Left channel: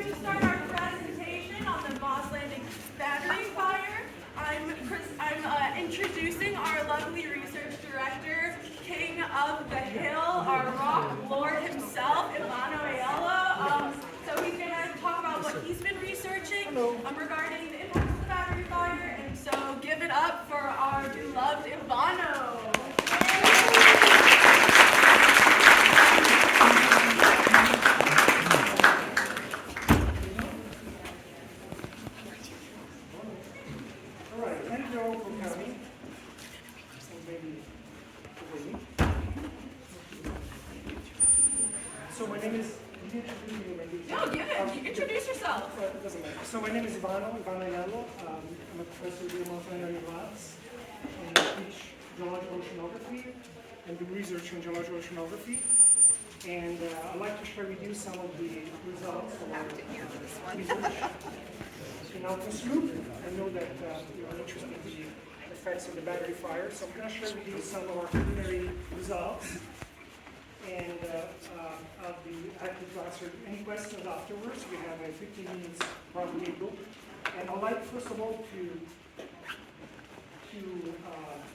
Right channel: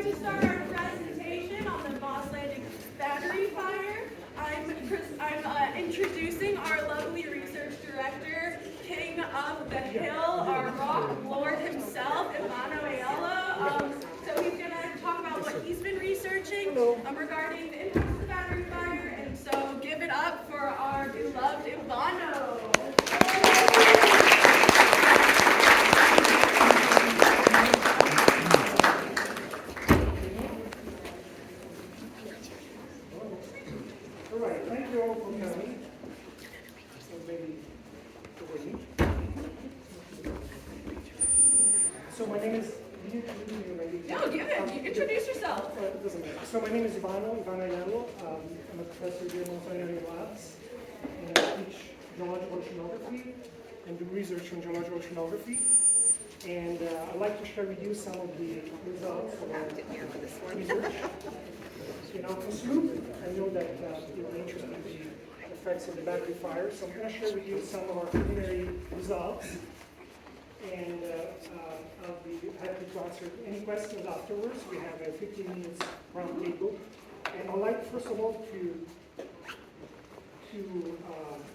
going to start our presentation on the Moss Landing battery fire. I'm introducing our lovely research director, King of the Hill, our rock lord himself, Ivano Aiello. So he's going to talk about what he's been researching regarding the impacts of the battery fire. And so give it up for our beloved Ivano. Thank you all for coming. So my name is. No, give it. You introduce yourself. It doesn't matter. So my name is Ivano Aiello. I'm a professor at the Moss Landing Labs, and I teach geological oceanography and do research in geological oceanography. And I'd like to share with you some of the results of our research. In Alpha's Loop, I know that you're interested in the effects of the battery fire, so I'm going to share with you some of our preliminary results, and I'll be happy to answer any questions afterwards. We have a 15 minutes round table, and I'd like first of all to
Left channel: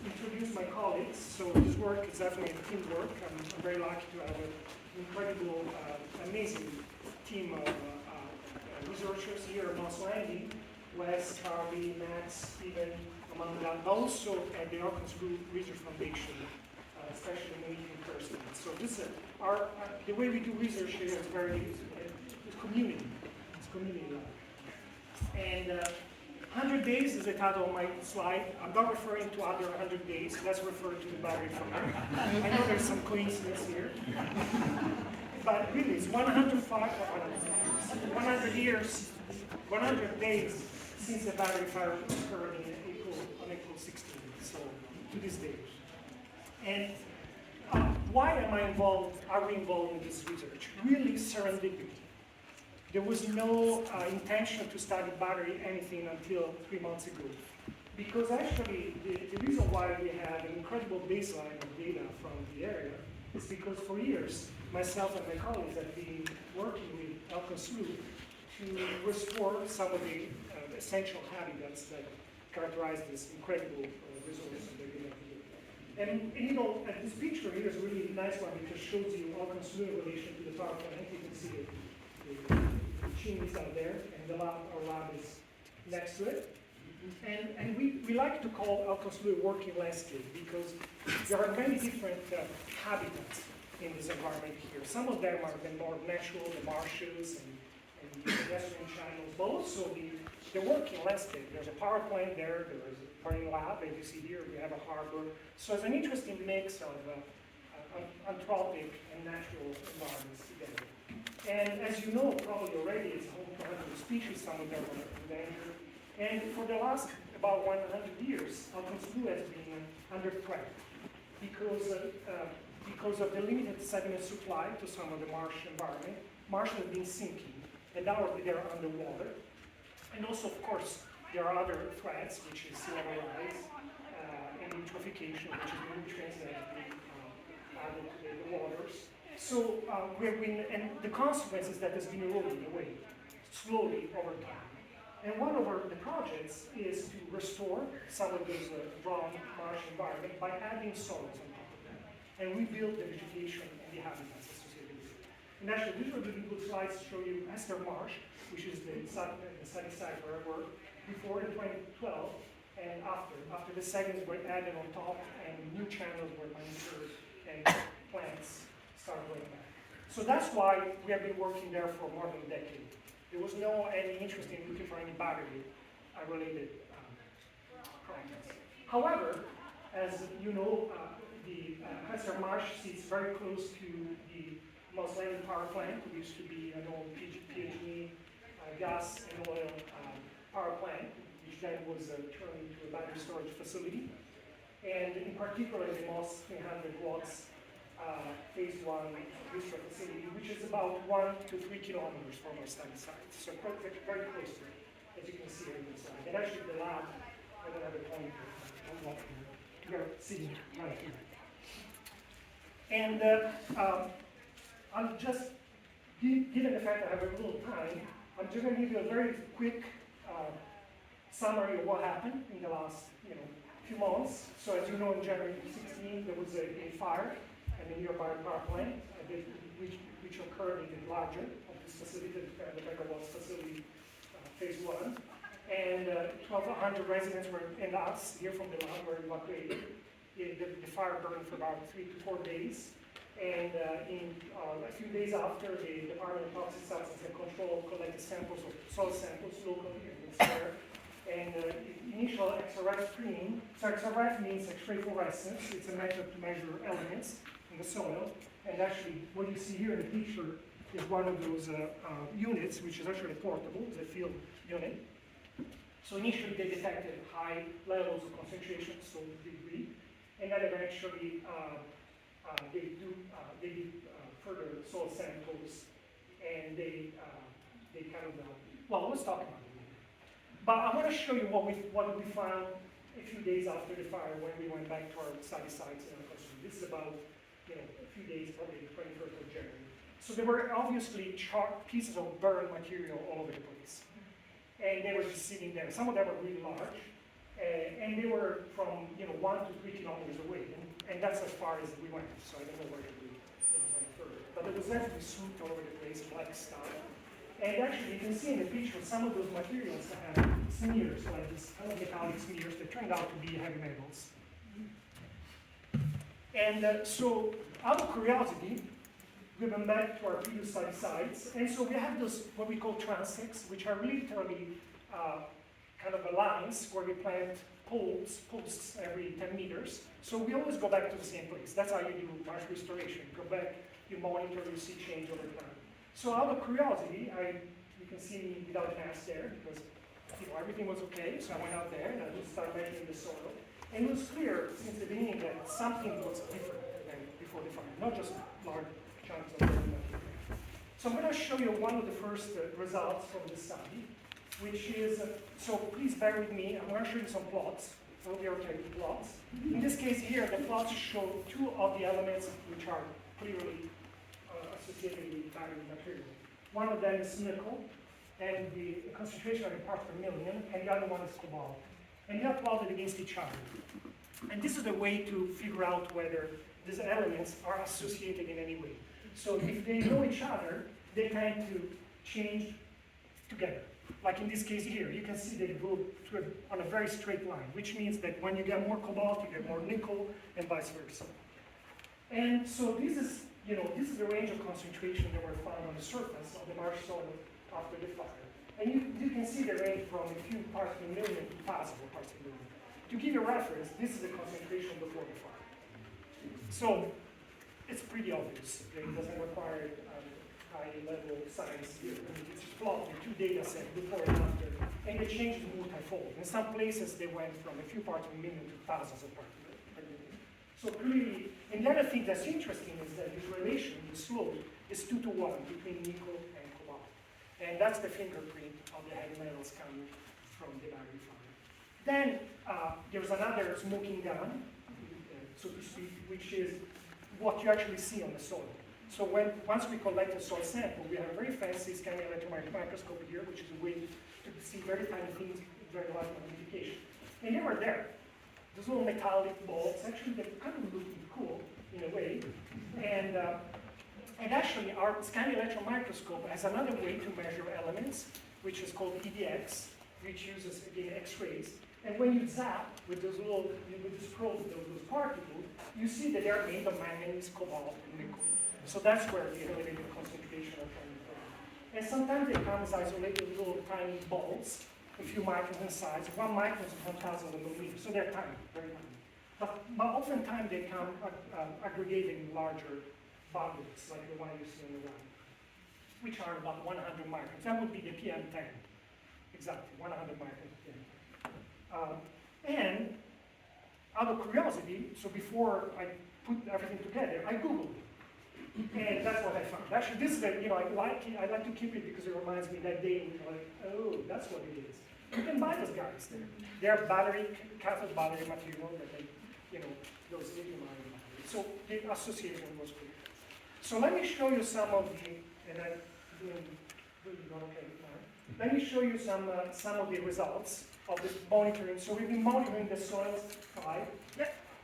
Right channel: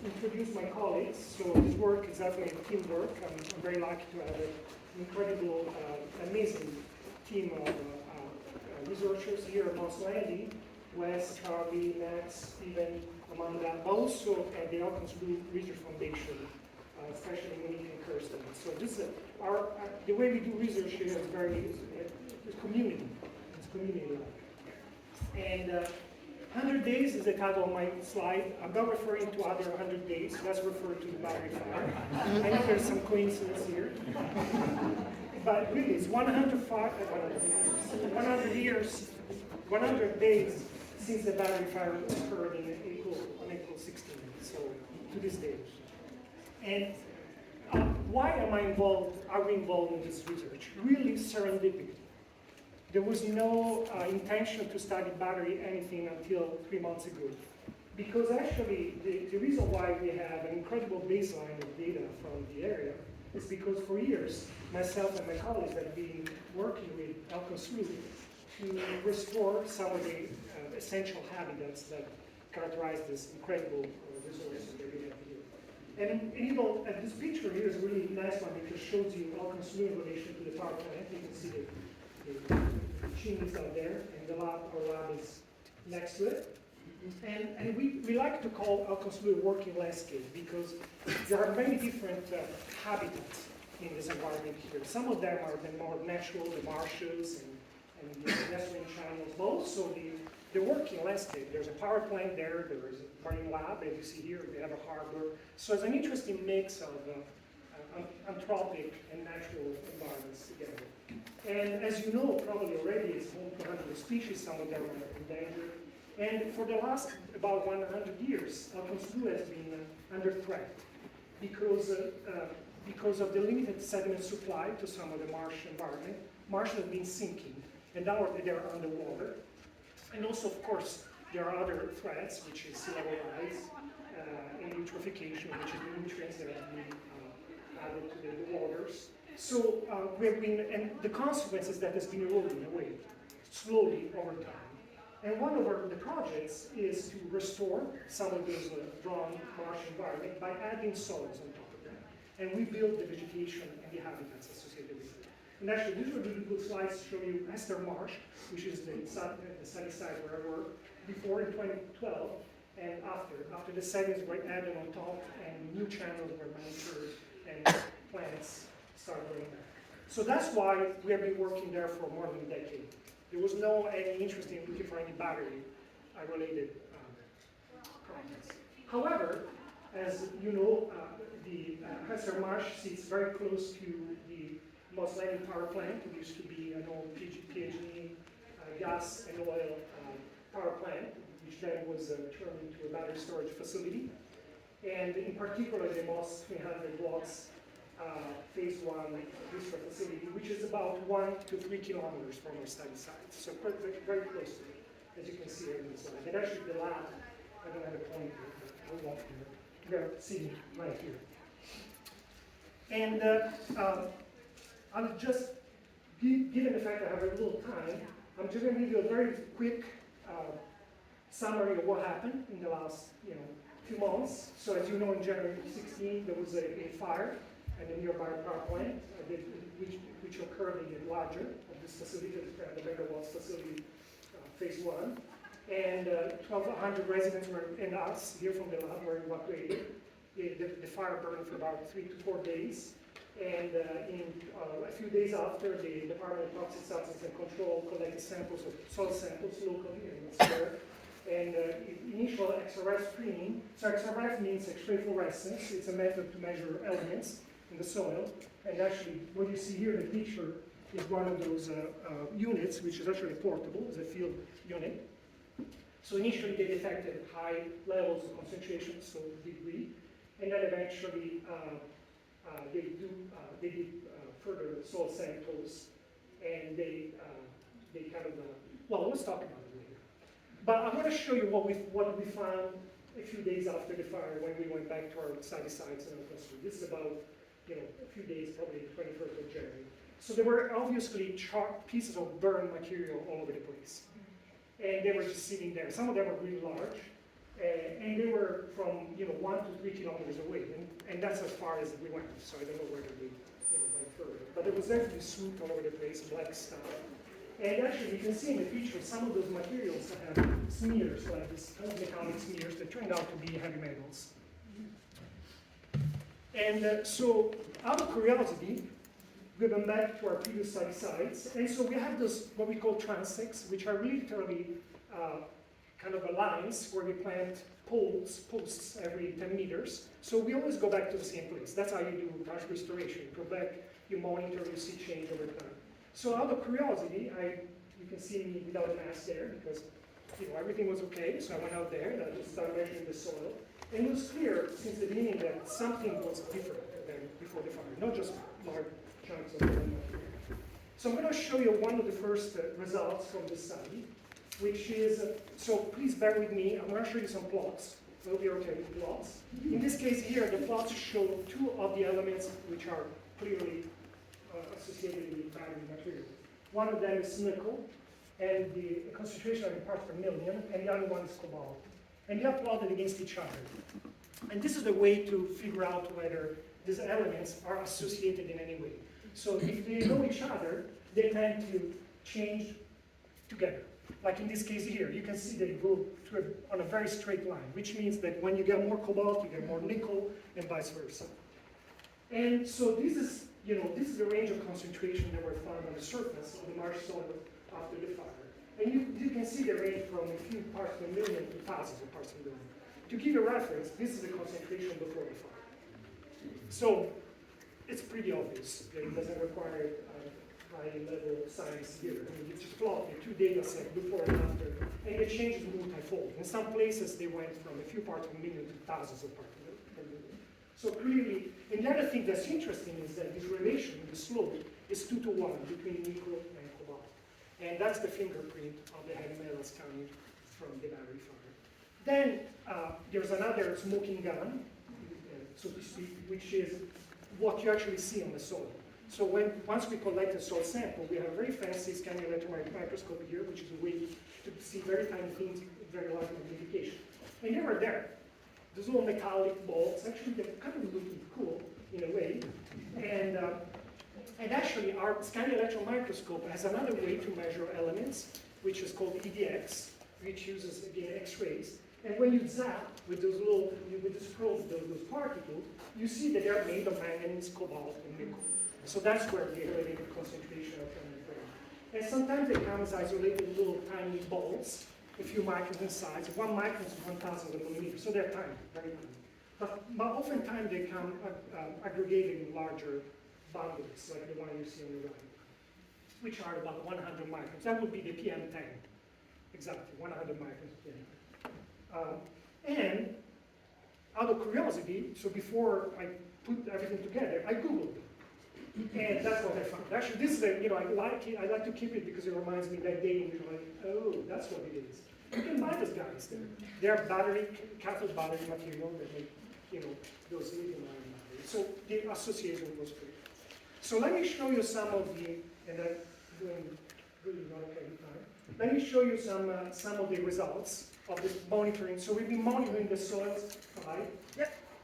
introduce my colleagues. So this work is definitely teamwork. I'm very lucky to have an incredible, amazing team of researchers here at Moss Landing, Wes, Carly, Max, Stephen, among them, but also at the Alpha's Loop Research Foundation, especially Monique and Kirsten. So this is the way we do research here is very community. It's community lab. And 100 days is the title of my slide. I'm not referring to other 100 days. Let's refer to the battery fire. I know there's some coincidence here. But really, it's 100 years, 100 days since the battery fire occurred on April 16th, so to this day. And why are we involved in this research? Really serendipity. There was no intention to study battery anything until 3 months ago. Because actually, the reason why we have an incredible baseline of data from the area is because for years, myself and my colleagues have been working with Alpha's Loop to restore some of the essential habitats that characterize this incredible resource that we have here. And you know, this picture here is a really nice one because it shows you Alpha's Loop in relation to the power plant. You can see the chimneys out there, and our lab is next to it. And we like to call Alpha's Loop a working landscape because there are many different habitats in this environment here. Some of them are the more natural, the marshes and the pedestrian channels, but also the working landscape. There's a power plant there, there is a marine lab, as you see here, we have a harbor. So it's an interesting mix of anthropic and natural environments together. And as you know, probably already, it's home to 100 species, some of them are endangered. And for the last about 100 years, Alpha's Loop has been under threat because of the limited sediment supply to some of the marsh environment. Marshes have been sinking, and now they're underwater. And also, of course, there are other threats, which is sea level rise and eutrophication, which is the nutrients that have been added to the waters. So we have been, and the consequence is that has been eroding away slowly over time. And one of the projects is to restore some of those brown marsh environment by adding soils on top of that, and rebuild the vegetation and the habitats associated with it. And actually, these are really good slides to show you Esther Marsh, which is the sunny side where I worked, before in 2012, and after the sediments were added on top and new channels were manicured and plants started growing back. So that's why we have been working there for more than a decade. There was no any interest in looking for any battery-related problems. However, as you know, the Esther Marsh sits very close to the Moss Landing power plant. It used to be an old PG&E gas and oil power plant, which then was turned into a battery storage facility. And in particular, the Moss 300 watts phase 1 bistro facility, which is about 1 to 3 kilometers from our study site. So very close to it, as you can see here on the slide. And actually the lab, I don't have a pointer, I'll walk here. You're sitting right here. And I'll just, given the fact that I have a little time, I'm just going to give you a very quick summary of what happened in the last few months. So as you know, in January 2016, there was a fire at a nearby power plant, which occurred in the larger of this facility, the megawatts facility, phase 1. And 1,200 residents and us here from the lab were evacuated. The fire burned for about 3 to 4 days. And a few days after, the Department of Toxic Substances and Control collected samples of soil samples locally in the soil. And initial XRF screening, so XRF means X-ray fluorescence. It's a method to measure elements in the soil. And actually, what you see here in the picture is one of those units, which is actually portable, it's a field unit. So initially they detected high levels of concentration, so degree, and then eventually they did further soil samples, and they kind of, well, let's talk about it later. But I want to show you what we found a few days after the fire when we went back to our study sites in our facility. This is about a few days, probably the 21st of January. So there were obviously pieces of burned material all over the place. And they were just sitting there. Some of them were really large, and they were from 1 to 3 kilometers away, and that's as far as we went. So I don't know whether we went further. But there was definitely soot all over the place, black stuff. And actually, you can see in the picture some of those materials have smears, like these kind of metallic smears that turned out to be heavy metals. And so, out of curiosity, we went back to our previous study sites, and so we have those, what we call transects, which are literally kind of lines where we plant posts every 10 meters. So we always go back to the same place. That's how you do marsh restoration. You go back, you monitor, you see change over time. So out of curiosity, you can see me without a mask there because everything was okay. So I went out there and I just started measuring the soil. And it was clear since the beginning that something was different than before the fire, not just large chunks of material. So I'm going to show you one of the first results from the study, which is, so please bear with me, I'm going to show you some plots. We'll be okay with plots. In this case here, the plots show 2 of the elements which are clearly associated with battery material. One of them is nickel, and the concentration of the parts per million, and the other one is cobalt. And they are plotted against each other. And this is a way to figure out whether these elements are associated in any way. So if they know each other, they tend to change together. Like in this case here, you can see that it goes on a very straight line, which means that when you get more cobalt, you get more nickel, and vice versa. And so this is the range of concentration that were found on the surface of the marsh soil after the fire. And you can see the range from a few parts per million to thousands of parts per million. To give you a reference, this is the concentration before the fire. So it's pretty obvious that it doesn't require high-level science here. I mean, it's just plotted 2 data sets before and after, and the change is multifold. In some places, they went from a few parts per million to thousands of parts per million. So clearly, and the other thing that's interesting is that this relation, the slope, is 2 to 1 between nickel and cobalt. And that's the fingerprint of the heavy metals coming from the battery fire. Then there's another smoking gun, so to speak, which is what you actually see on the soil. So once we collect the soil sample, we have a very fancy scanning electron microscope here, which is a way to see very tiny things with very large magnification. And they were there. Those little metallic balls, actually, they're kind of looking cool in a way. And actually, our scanning electron microscope has another way to measure elements, which is called EDX, which uses, again, X-rays. And when you zap with those probe, those particles, you see that they're made of manganese, cobalt, and nickel. So that's where the elevated concentration are coming from. And sometimes they come as isolated little tiny balls, a few microns in size. 1 micron is 1,000 of a millimeter, so they're tiny, very tiny. But oftentimes they come aggregated in larger bundles, like the one you see on the right, which are about 100 microns. That would be the PM10, exactly, 100 microns PM10. And out of curiosity, so before I put everything together, I Googled it. And that's what I found. Actually, this is I like to keep it because it reminds me that day when you're like, oh, that's what it is. You can buy those guys there. They're cathode battery material that they, those lithium-ion batteries. So the association was clear. So let me show you some of the Really not okay with time. Let me show you some of the results of the monitoring. So we've been monitoring the soils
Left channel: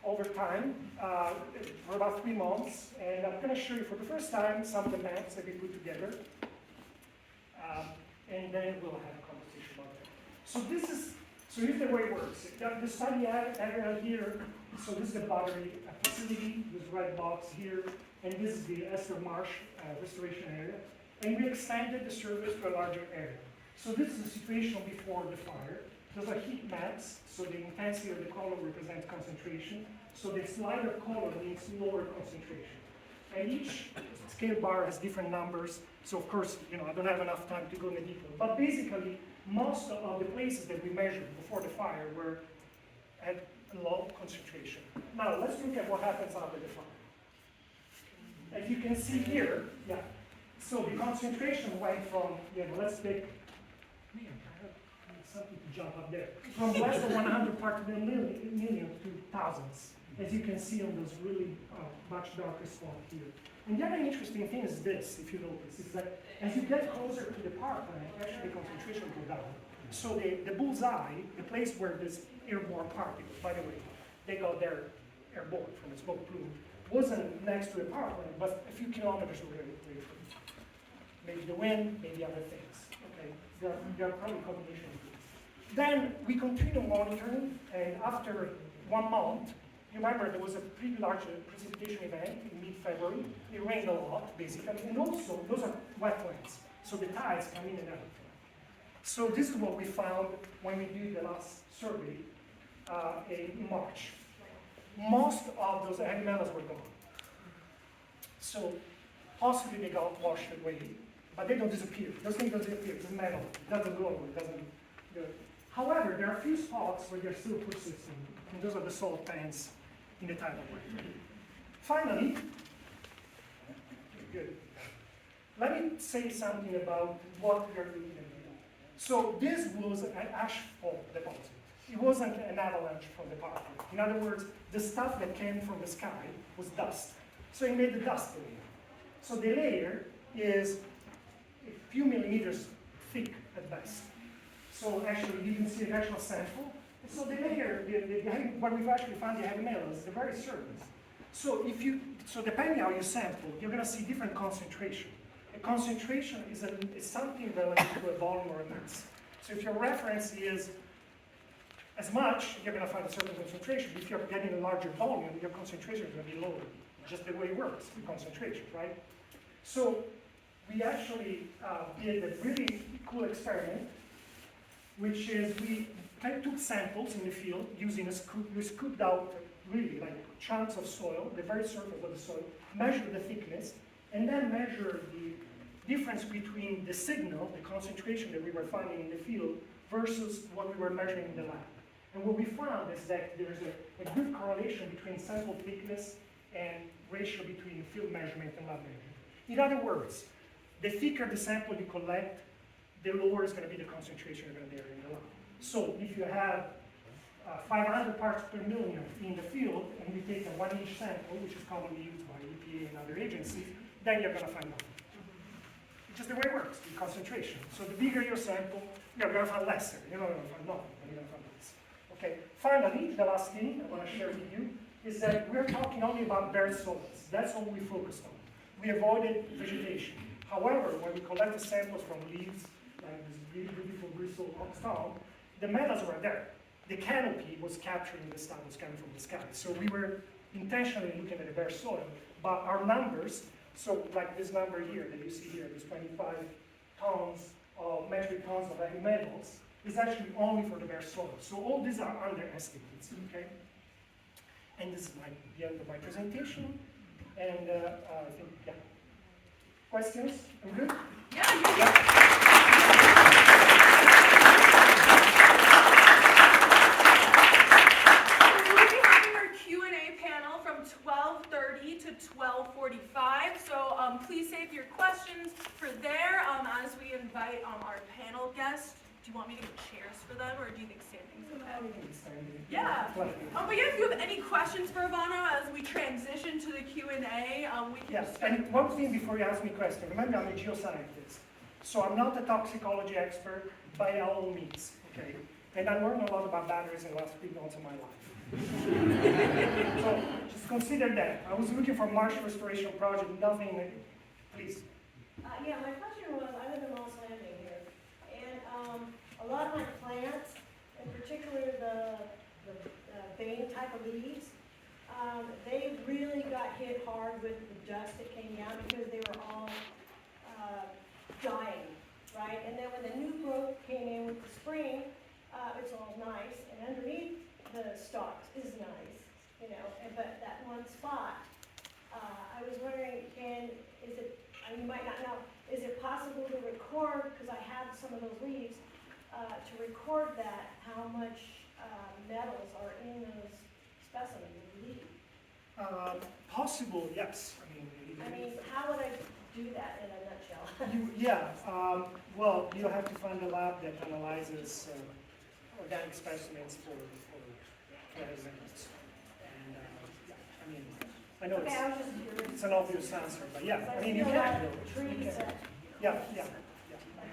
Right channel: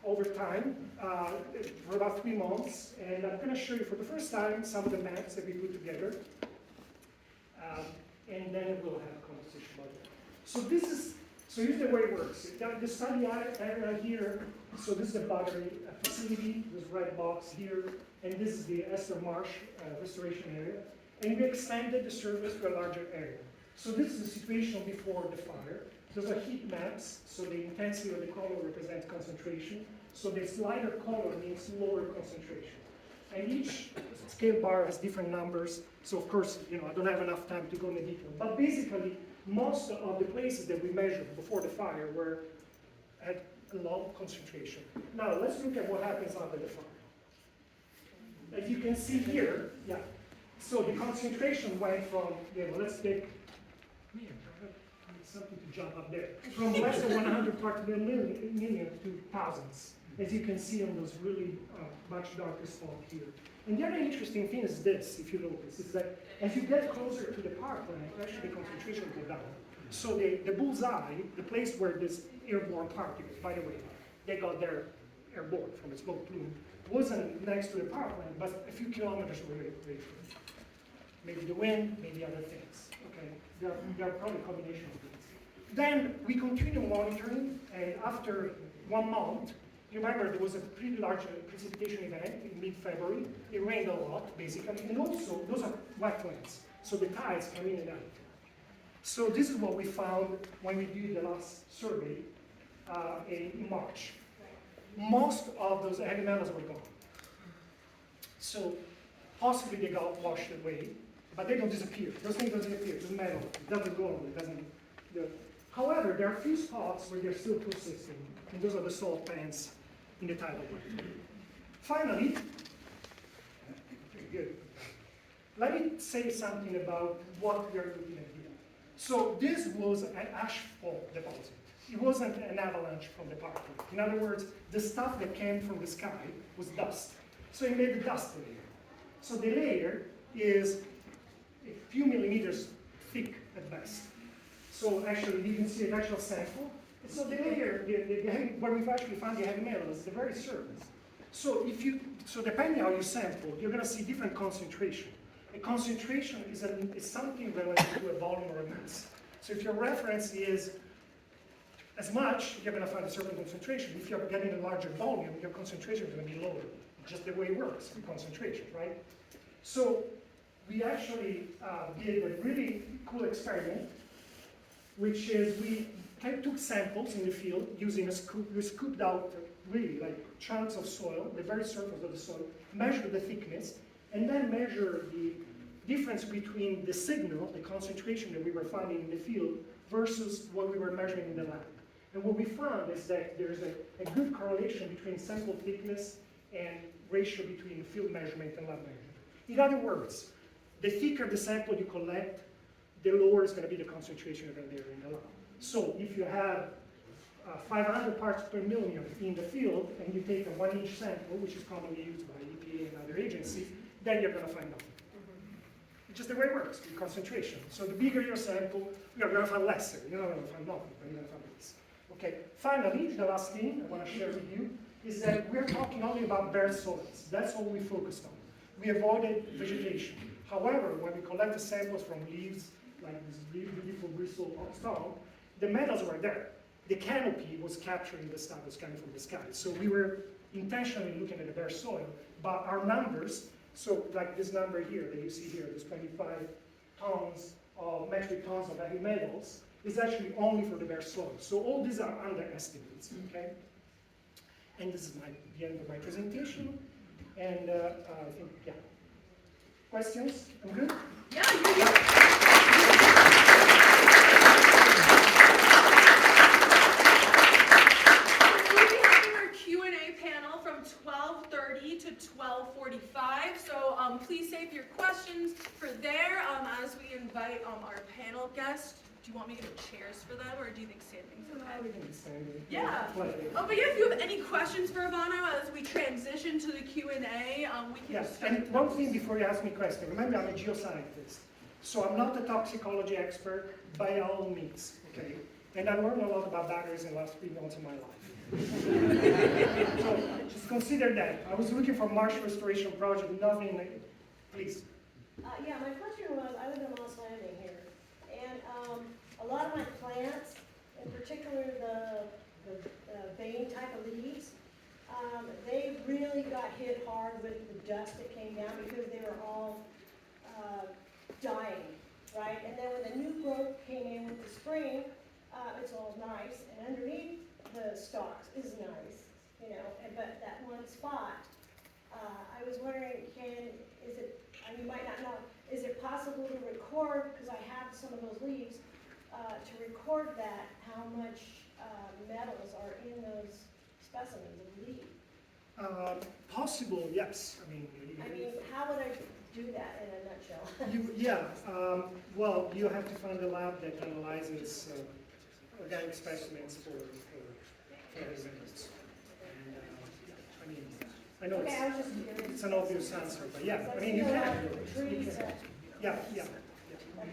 over time for about 3 months, and I'm going to show you for the first time some of the maps that we put together, and then we'll have a conversation about that. So here's the way it works. The study area here, so this is the battery facility, this red box here, and this is the Esther Marsh restoration area, and we extended the surface to a larger area. So this is the situation before the fire. Those are heat maps, so the intensity of the color represents concentration. So this lighter color means lower concentration. And each scale bar has different numbers. So of course, I don't have enough time to go into detail. But basically, most of the places that we measured before the fire had a low concentration. Now let's look at what happens after the fire. As you can see here, so the concentration went from, let's take, something to jump up there, from less than 100 parts per million to thousands, as you can see on those really much darker spots here. And the other interesting thing is this, if you notice, is that as you get closer to the power plant, actually the concentration will go down. So the bullseye, the place where this airborne particles, by the way, they got their airborne from a smoke plume, wasn't next to a power plant, but a few kilometers away from it. Maybe the wind, maybe other things. Okay, there are probably a combination of things. Then we continue monitoring, and after 1 month, you remember there was a pretty large precipitation event in mid-February. It rained a lot, basically, and also those are wetlands, so the tides come in and out. So this is what we found when we did the last survey in March. Most of those heavy metals were gone. So possibly they got washed away, but they don't disappear. Those things don't disappear. It's metal. It doesn't go away. It doesn't. However, there are a few spots where they're still persisting, and those are the salt pans in the tidal wave. Finally, good. Let me say something about what we are looking at here. So this was an asphalt deposit. It wasn't an avalanche from the power plant. In other words, the stuff that came from the sky was dust. So it made the dust layer. So the layer is a few millimeters thick at best. So actually, you can see an actual sample. So the layer, where we've actually found the heavy metals, is the very surface. So depending how you sample, you're going to see different concentration. A concentration is something relative to a volume or a mass. So if your reference is as much, you're going to find a certain concentration. If you're getting a larger volume, your concentration is going to be lower. Just the way it works with concentration, right? So we actually did a really cool experiment, which is we took samples in the field using a scoop. We scooped out really like chunks of soil, the very surface of the soil, measured the thickness, and then measured the difference between the signal, the concentration that we were finding in the field, versus what we were measuring in the lab. And what we found is that there's a good correlation between sample thickness and ratio between field measurement and lab measurement. In other words, the thicker the sample you collect, the lower is going to be the concentration you're going to measure in the lab. So if you have 500 parts per million in the field, and you take a 1-inch sample, which is commonly used by EPA and other agencies, then you're going to find nothing. It's just the way it works, the concentration. So the bigger your sample, you're going to find lesser. You're not going to find nothing, but you're going to find less. Okay. Finally, the last thing I want to share with you is that we're talking only about bare soils. That's all we focused on. We avoided vegetation. However, when we collected samples from leaves, like this beautiful bristle stone, the metals were there. The canopy was capturing the stuff that was coming from the sky. So we were intentionally looking at the bare soil, but our numbers, so like this number here that you see here, this 25 tons of metric tons of heavy metals, is actually only for the bare soil. So all these are underestimates, okay? And this is the end of my presentation. And I think, yeah. Questions? I'm good? Yeah, you're good. We'll be having our Q&A panel from 12:30 to 12:45. So please save your questions for there as we invite our panel guests. Do you want me to get chairs for them, or do you think standing's okay? We can be standing. Yeah. But yeah, if you have any questions for Ivano as we transition to the Q&A, we can. Yes, and one thing before you ask me a question. Remember, I'm a geoscientist. So I'm not a toxicology expert by all means, okay? And I learned a lot about batteries in the last 3 months of my life. So just consider that. I was looking for marsh restoration project, nothing like it. Please. Yeah, my question was, I live in Moss Landing here, and a lot of my plants, in particular the vein type of leaves, they really got hit hard with the dust that came down because they were all dying, right? And then when the new growth came in with the spring, it's all nice, and underneath the stalks is nice, you know, but that one spot, I was wondering, is it, you might not know, is it possible to record, because I have some of those leaves, to record that, how much metals are in those specimens of leaf? Possible, yes. I mean, how would I do that in a nutshell? Well, you have to find a lab that analyzes organic specimens for metals. And I know Okay, I was just curious. it's an obvious answer, but yeah, Because you see a lot can. of trees that Yeah.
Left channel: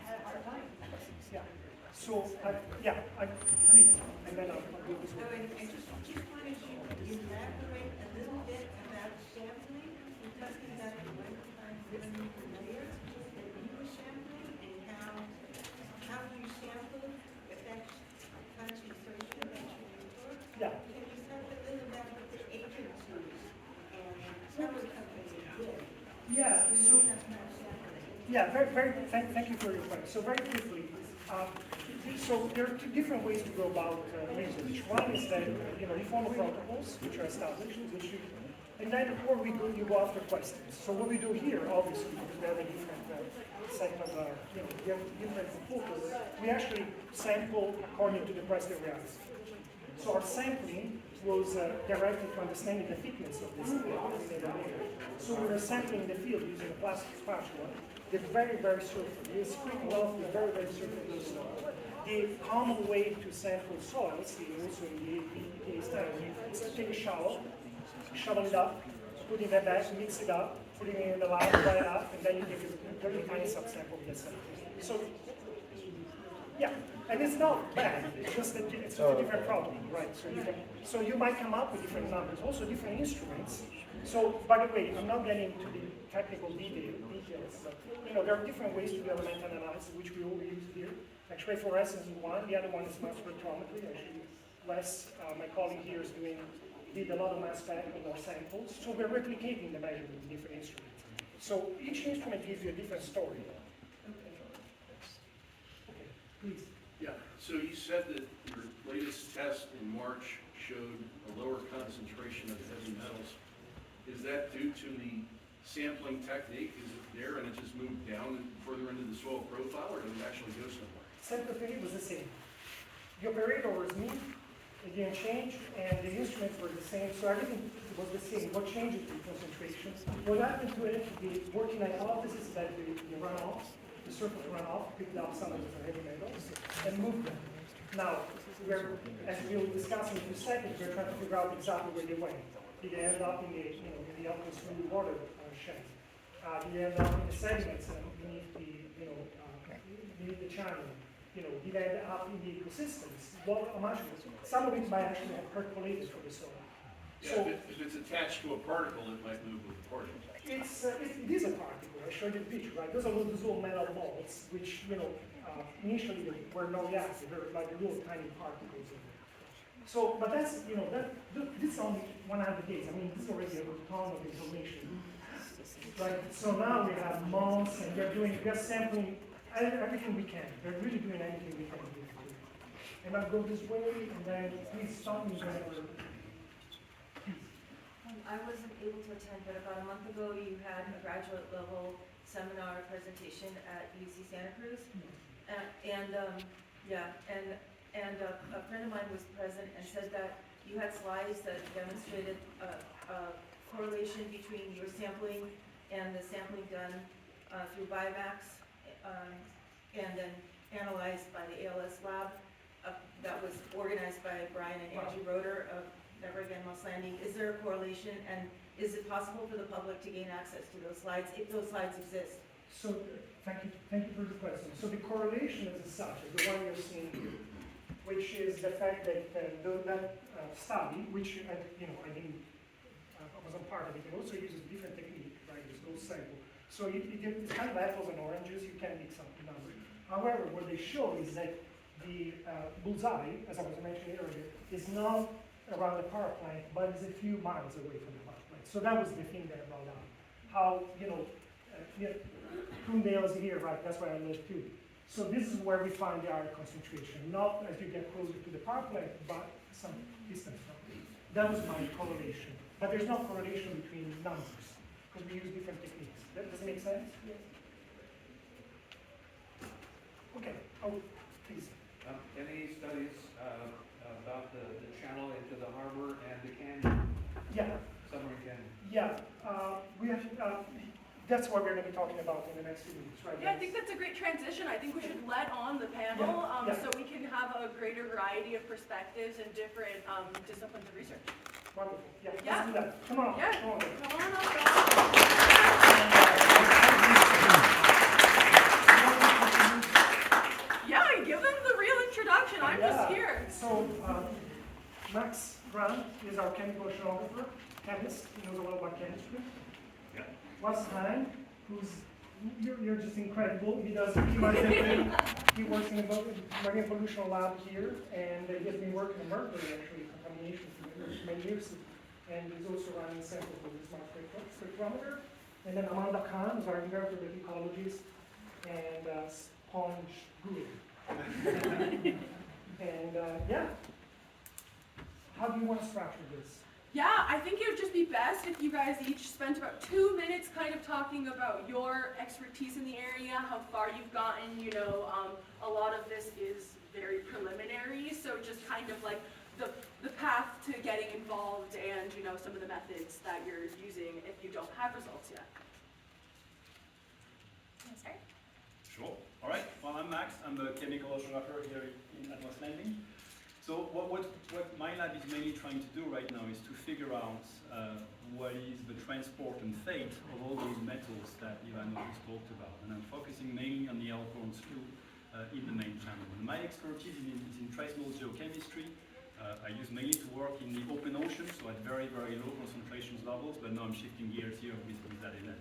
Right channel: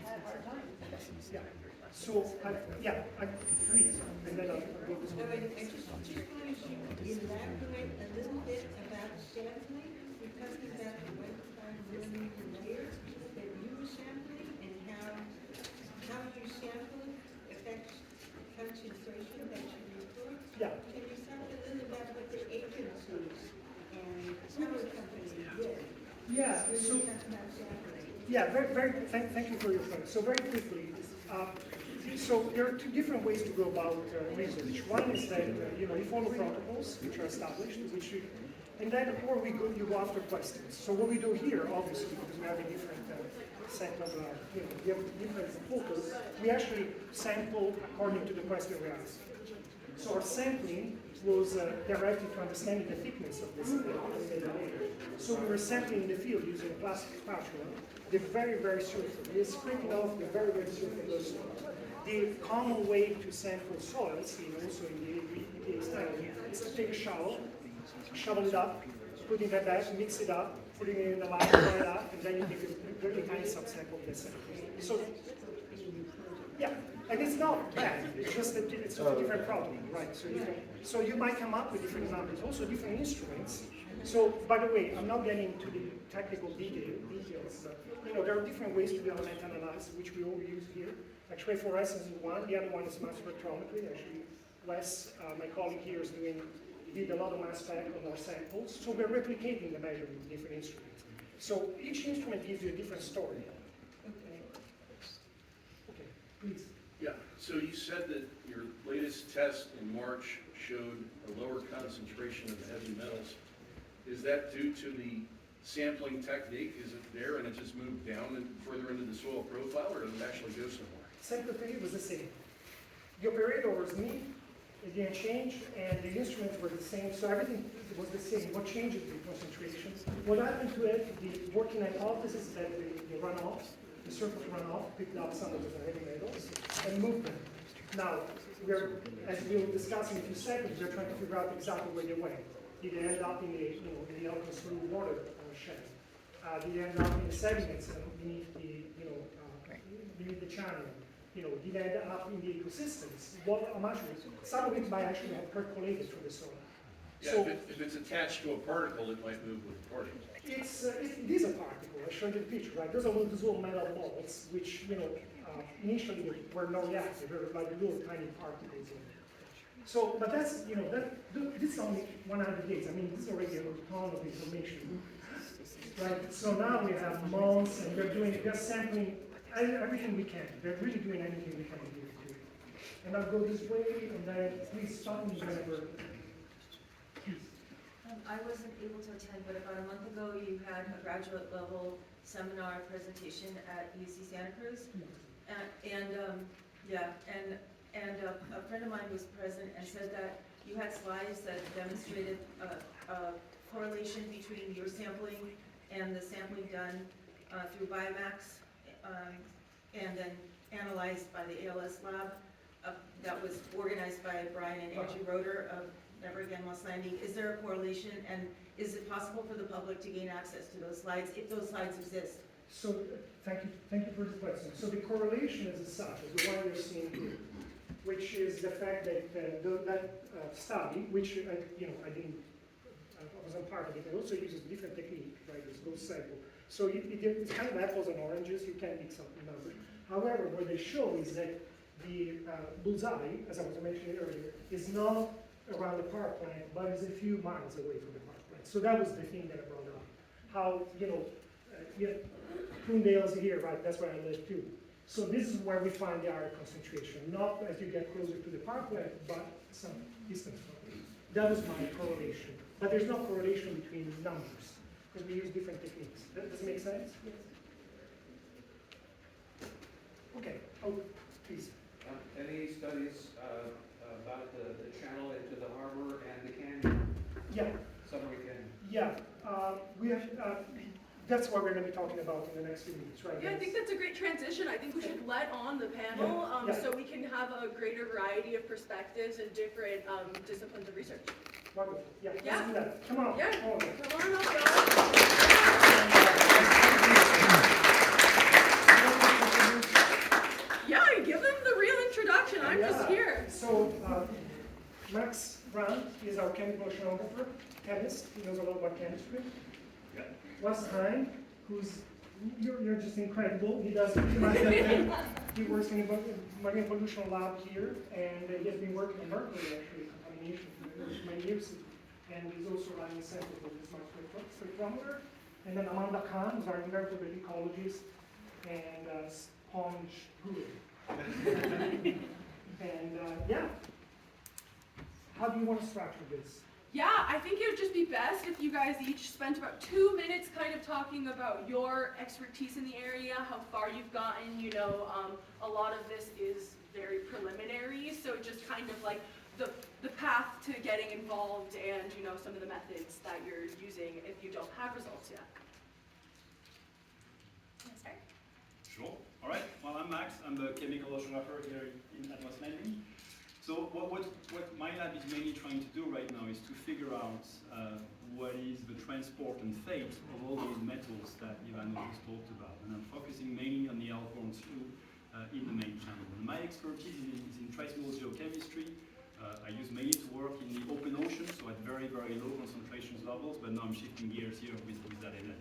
had a hard time. Yeah. So, please, and then I'll go this So, way. and just wanted you to elaborate a little bit about sampling. You're talking about the 1.5 millimeter layers that you were sampling and how you sample affects concentration that you report. Yeah. Can you tell a little about what the agencies and other companies did? Yeah, so, thank you for your point. So very quickly, so there are two different ways to go about research. One is that, you follow protocols, which are established, and then before we go, you go after questions. So what we do here, obviously, because we have a different set of, we have different focus, we actually sample according to the question we ask. So our sampling was directed to understanding the thickness of this layer. So we were sampling the field using a plastic spatula, the very, very surface. We are scraping off the very, very surface of the soil. The common way to sample soils, also in the EPA study, is to take a shovel, shovel it up, put it in the bag, mix it up, put it in the lab, dry it up, and then you take a very tiny subsample of the sample. So, yeah, and it's not bad. It's just a different problem, right? So you might come up with different numbers, also different instruments. So, by the way, I'm not getting to the technical details, but there are different ways to do elemental analysis, which we all use here. Like fluorescence is one. The other one is mass spectrometry. Actually, Wes, my colleague here, did a lot of mass spec on our samples. So we're replicating the measurement with different instruments. So each instrument gives you a different story. Okay, please. Yeah, so you said that your latest test in March showed a lower concentration of heavy metals. Is that due to the sampling technique? Is it there and it just moved down and further into the soil profile, or did it actually go somewhere? Sample technique was the same. The operator was me, it didn't change, and the instruments were the same, so everything was the same. What changed is the concentration. What happened to it, the working hypothesis is that the runoff, the surface runoff, picked up some of the heavy metals and moved them. Now, as we'll discuss in a few seconds, we're trying to figure out exactly where they went. Did they end up in the almost through water shed? Did they end up in the sediments beneath beneath the channel? Did they end up in the ecosystems? How much? Some of it might actually have percolated through the soil. Yeah, So if it's attached to a particle, it might move with the particle. it is a particle. I showed you the picture, right? Those are little metal balls, which initially were not reactive. They were like little tiny particles. So, but that's this is only 100 days. I mean, this is already a ton of information. Right? So now we have months, and we're sampling everything we can. They're really doing anything we can do. And I'll go this way, and then please stop me whenever. Please. I wasn't able to attend, but about a month ago, you had a graduate level seminar presentation at UC Santa Cruz. And a friend of mine was present and said that you had slides that demonstrated a correlation between your sampling and the sampling done through Biomax and then analyzed by the ALS lab that was organized by Brian and Angie Roeder of Never Again Moss Landing. Is there a correlation, and is it possible for the public to gain access to those slides if those slides exist? So, thank you for the question. So the correlation is as such, as the one you're seeing here, which is the fact that that study, which I wasn't part of it, it also uses a different technique, right? It's goes cycle. So it's kind of apples and oranges, you can mix up the numbers. However, what they show is that the bullseye, as I was mentioning earlier, is not around the power plant, but is a few miles away from the power plant. So that was the thing that I brought up. How, Coondale's here, right? That's where I live too. So this is where we find the iron concentration, not as you get closer to the power plant, but some distance from it. That was my correlation. But there's no correlation between numbers, because we use different techniques. Does that make sense? Yes. Okay. Oh, please. Any studies about the channel into the harbor and the canyon, Yeah. submarine canyon? Yeah. We have. That's what we're going to be talking about in the next few minutes, right? Yeah, I think that's a great transition. I think we should let on the panel Yeah. so we can have a greater variety of perspectives and different disciplines of research. Wonderful. Yeah. Yeah. Let's do that. Come on. Yeah. Come on. Come on up, guys. Yeah, give them the real introduction. I'm just here. So, Max Grant is our chemical oceanographer, chemist. He knows a lot about chemistry. Yeah. Wes Hine, you're just incredible. He does thing. He works in the marine pollution lab here, and he has been working on mercury actually contamination for many years. And he's also running samples with his mass spectrometer. And then Amanda Khan is our invertebrate ecologist and sponge guru. And yeah, how do you want to structure this? Yeah, I think it would just be best if you guys each spent about 2 minutes kind of talking about your expertise in the area, how far you've gotten. A lot of this is very preliminary, so just kind of like the path to getting involved and, some of the methods that you're using if you don't have results yet. You wanna start? Sure. All right. Well, I'm Max. I'm the chemical oceanographer here at West Landing. So what my lab is mainly trying to do right now is to figure out what is the transport and fate of all those metals that Ivano just talked about. And I'm focusing mainly on the Alcorn slough in the main channel. And my expertise is in trace mode geochemistry. I use mainly to work in the open ocean, so at very, very low concentrations levels, but now I'm shifting gears here with that event.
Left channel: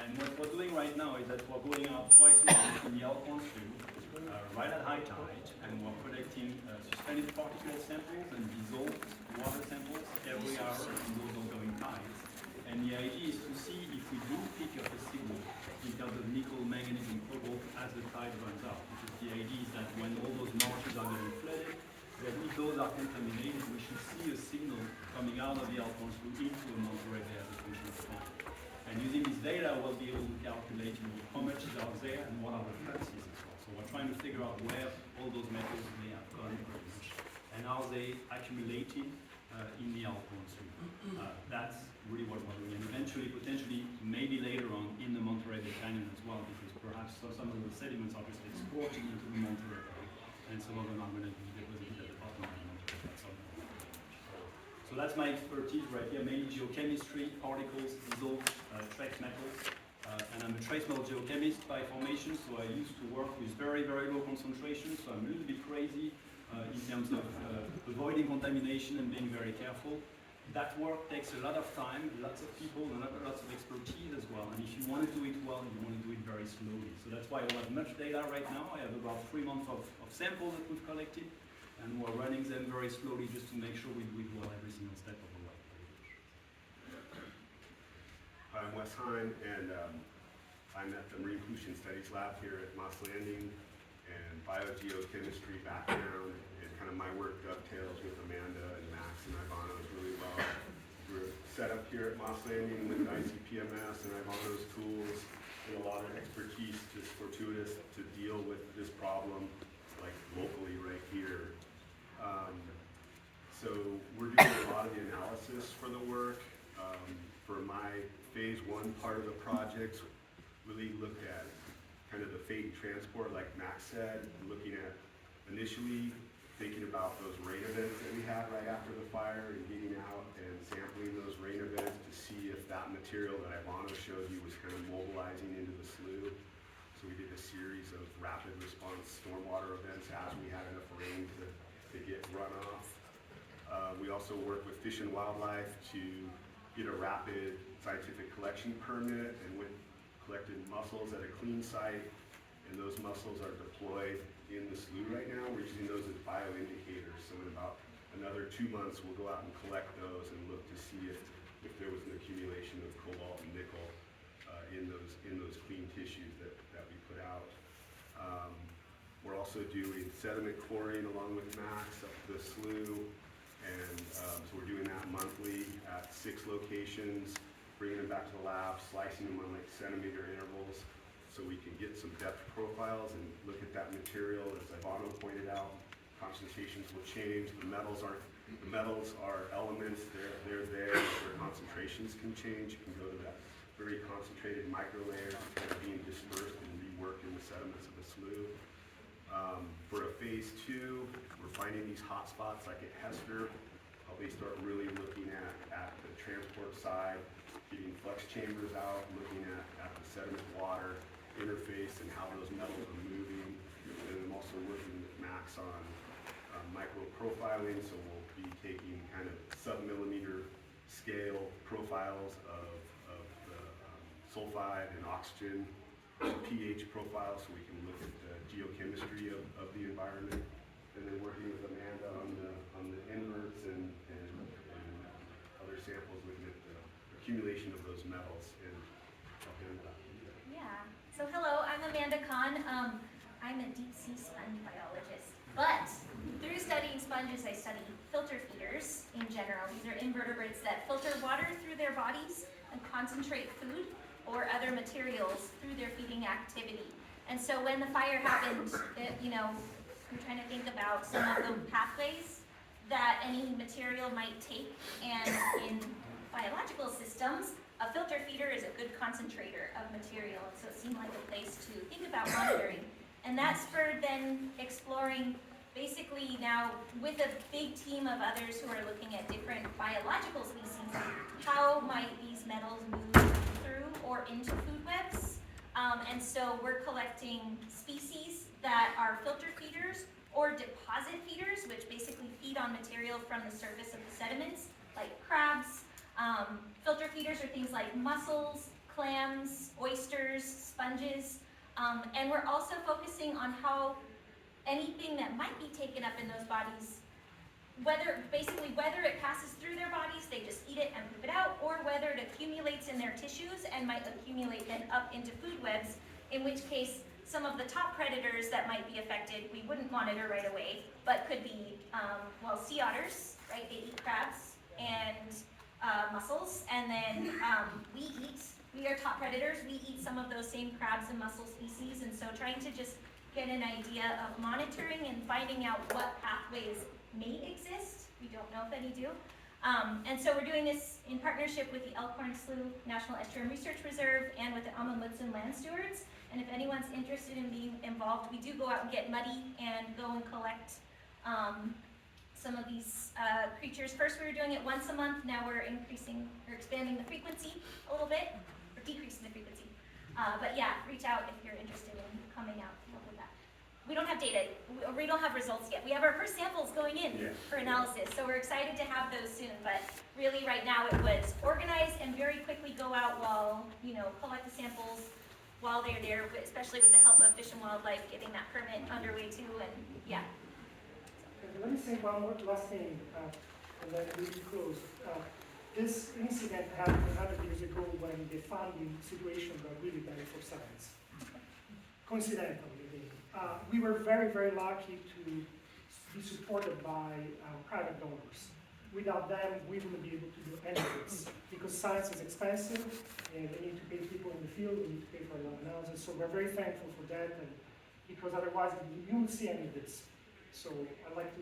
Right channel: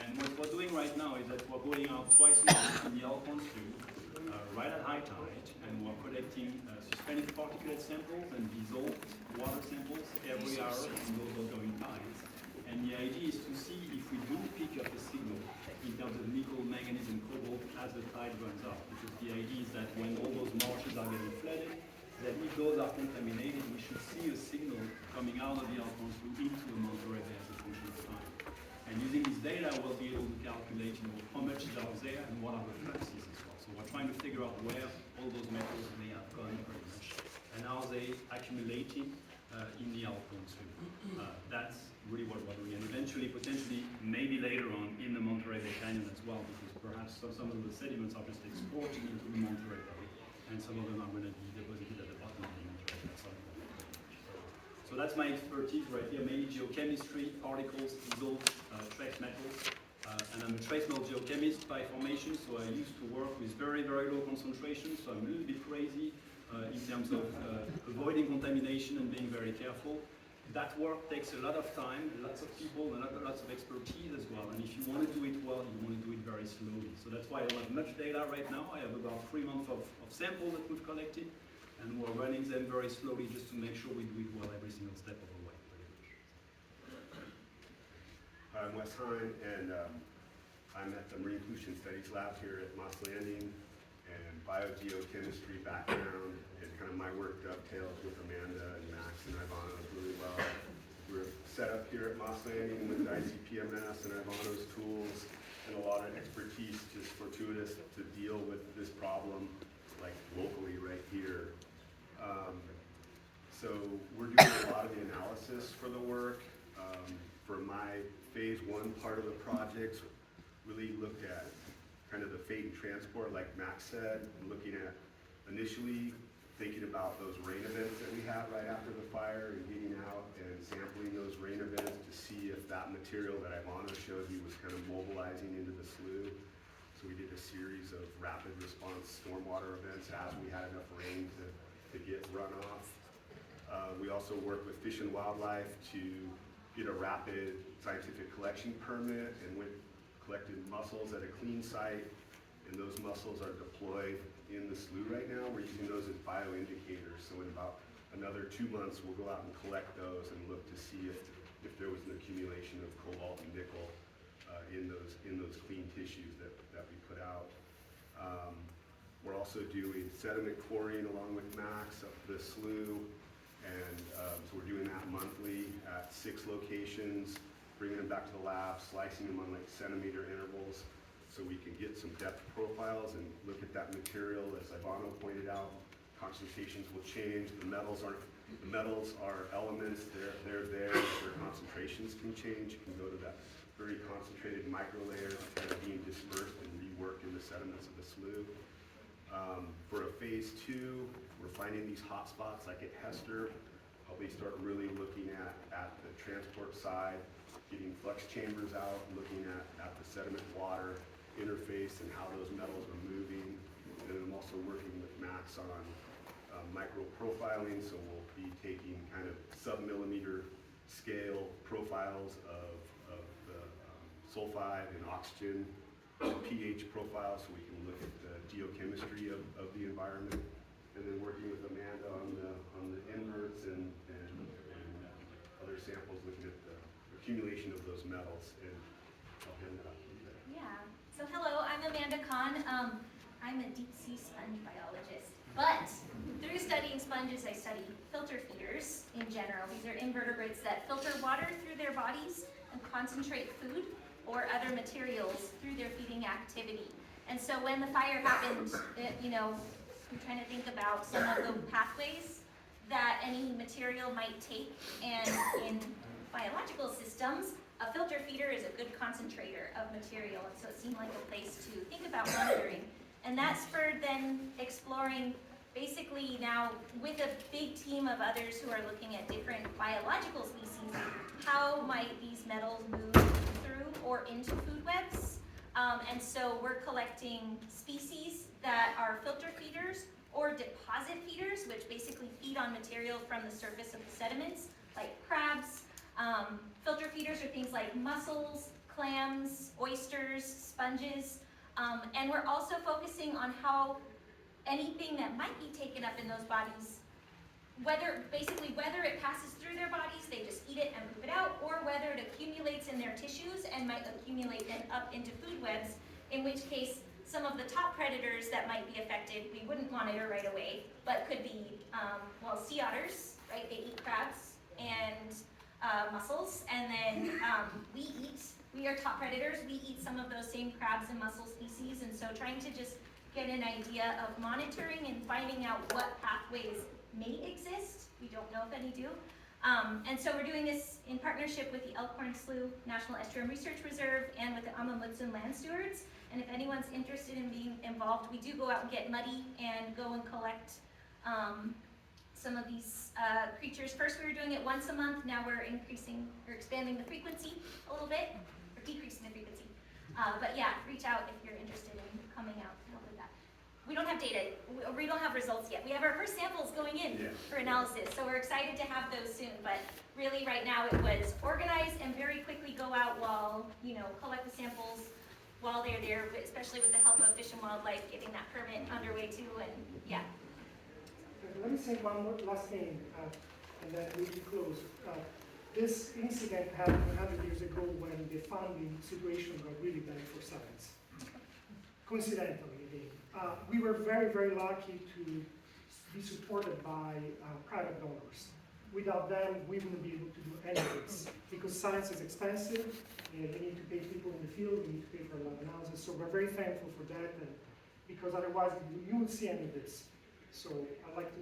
And what we're doing right now is that we're going out twice a month in the Alcorn slough, right at high tide, and we're collecting suspended particulate samples and dissolved water samples every hour in those outgoing tides. And the idea is to see if we do pick up a signal in terms of nickel, manganese, and cobalt as the tide runs out. Because the idea is that when all those marshes are getting flooded, that if those are contaminated, we should see a signal coming out of the Alcorn slough into a Monterey Bay as a function of time. And using this data, we'll be able to calculate how much is out there and what are the fluxes as well. So we're trying to figure out where all those metals may have gone very much, and are they accumulating in the Alcorn slough. That's really what we're doing, and eventually, potentially, maybe later on in the Monterey Bay Canyon as well, because perhaps some of the sediments are just exporting into the Monterey Bay, and some of them are going to be deposited at the bottom of the Monterey Bay. So that's my expertise right here, mainly geochemistry, particles, dissolved trace metals. And I'm a trace metal geochemist by formation, so I used to work with very, very low concentrations, so I'm a little bit crazy in terms of avoiding contamination and being very careful. That work takes a lot of time, lots of people, and lots of expertise as well. And if you want to do it well, you want to do it very slowly. So that's why I don't have much data right now. I have about 3 months of samples that we've collected, and we're running them very slowly just to make sure we do it well every single step of the way. Hi, I'm Wes Hine, and I'm at the Marine Pollution Studies Lab here at Moss Landing, and biogeochemistry background, and kind of my work dovetails with Amanda and Max and Ivano's really well. We're set up here at Moss Landing with ICPMS and Ivano's tools, and a lot of expertise, just fortuitous to deal with this problem, like locally right here. So we're doing a lot of the analysis for the work. For my phase 1 part of the project, really looked at kind of the fate and transport, like Max said, looking at initially thinking about those rain events that we had right after the fire and getting out and sampling those rain events to see if that material that Ivano showed you was kind of mobilizing into the slough. So we did a series of rapid response stormwater events as we had enough rain to get runoff. We also work with Fish and Wildlife to get a rapid scientific collection permit, and we collected mussels at a clean site, and those mussels are deployed in the slough right now. We're using those as bioindicators, so in about another 2 months we'll go out and collect those and look to see if there was an accumulation of cobalt and nickel in those clean tissues that we put out. We're also doing sediment coring along with Max up the slough, and so we're doing that monthly at 6 locations, bringing them back to the lab, slicing them on like centimeter intervals so we can get some depth profiles and look at that material. As Ivano pointed out, concentrations will change. The metals are elements, they're there, their concentrations can change. It can go to that very concentrated micro layers that are being dispersed and reworked in the sediments of the slough. For a phase 2, we're finding these hot spots like at Hester. Probably start really looking at the transport side, getting flux chambers out, looking at the sediment water interface and how those metals are moving. And I'm also working with Max on micro profiling, so we'll be taking kind of sub-millimeter scale profiles of the sulfide and oxygen pH profile, so we can look at the geochemistry of the environment. And then working with Amanda on the inverts and other samples, looking at the accumulation of those metals. And I'll hand that off to you guys. Yeah. So hello, I'm Amanda Kahn. I'm a deep sea sponge biologist. But through studying sponges, I study filter feeders in general. These are invertebrates that filter water through their bodies and concentrate food or other materials through their feeding activity. And so when the fire happened, I'm trying to think about some of the pathways that any material might take, and in biological systems, a filter feeder is a good concentrator of material, and so it seemed like a place to think about monitoring. And that spurred then exploring, basically now with a big team of others who are looking at different biological species, how might these metals move through or into food webs. And so we're collecting species that are filter feeders or deposit feeders, which basically feed on material from the surface of the sediments, like crabs. Filter feeders are things like mussels, clams, oysters, sponges. And we're also focusing on how anything that might be taken up in those bodies, whether it passes through their bodies, they just eat it and poop it out, or whether it accumulates in their tissues and might accumulate then up into food webs, in which case some of the top predators that might be affected we wouldn't monitor right away, but could be, sea otters, right? They eat crabs and mussels, and then we are top predators. We eat some of those same crabs and mussel species, and so trying to just get an idea of monitoring and finding out what pathways may exist. We don't know if any do. And so we're doing this in partnership with the Elkhorn Slough National Estuarine Research Reserve and with the Amundsen Land Stewards. And if anyone's interested in being involved, we do go out and get muddy and go and collect some of these creatures. First we were doing it once a month, now we're expanding the frequency a little bit, or decreasing the frequency. But yeah, reach out if you're interested in coming out to help with that. We don't have data, we don't have results yet. We have our first samples going in for analysis, so we're excited to have those soon. But really right now it was organize and very quickly go out while, collect the samples while they're there, especially with the help of Fish and Wildlife, getting that permit underway too, and yeah. Let me say one more last thing, and then we will close. This incident happened 100 years ago when the funding situation got really bad for science. Coincidentally, again. We were very, very lucky to be supported by private donors. Without them, we wouldn't be able to do any of this, because science is expensive, and we need to pay people in the field, we need to pay for a lot of analysis, so we're very thankful for that, and because otherwise you wouldn't see any of this. So I'd like to,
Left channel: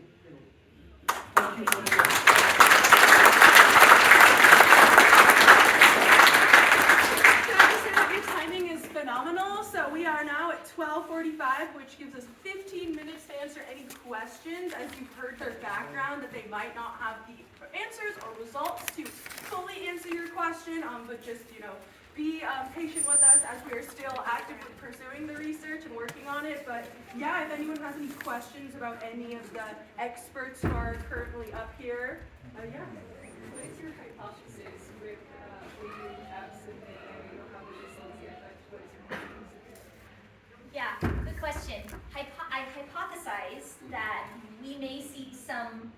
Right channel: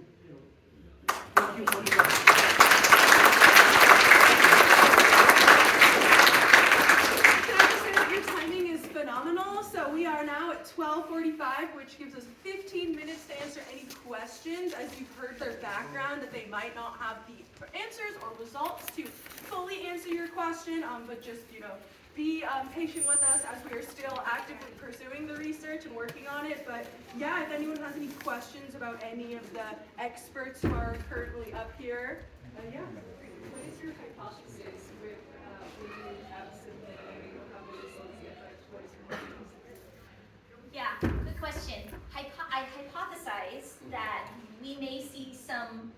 thank you for Can I just say that your timing is phenomenal? So we are now at 12. 12:45, which gives us 15 minutes to answer any questions, as you've heard their background, that they might not have the answers or results to fully answer your question, but just, be patient with us as we are still actively pursuing the research and working on it. But yeah, if anyone has any questions about any of the experts who are currently up here, yeah. What is your hypothesis with, when you have submitted a couple of CFX, what is your hypothesis? Yeah, good question. I hypothesize that we may see some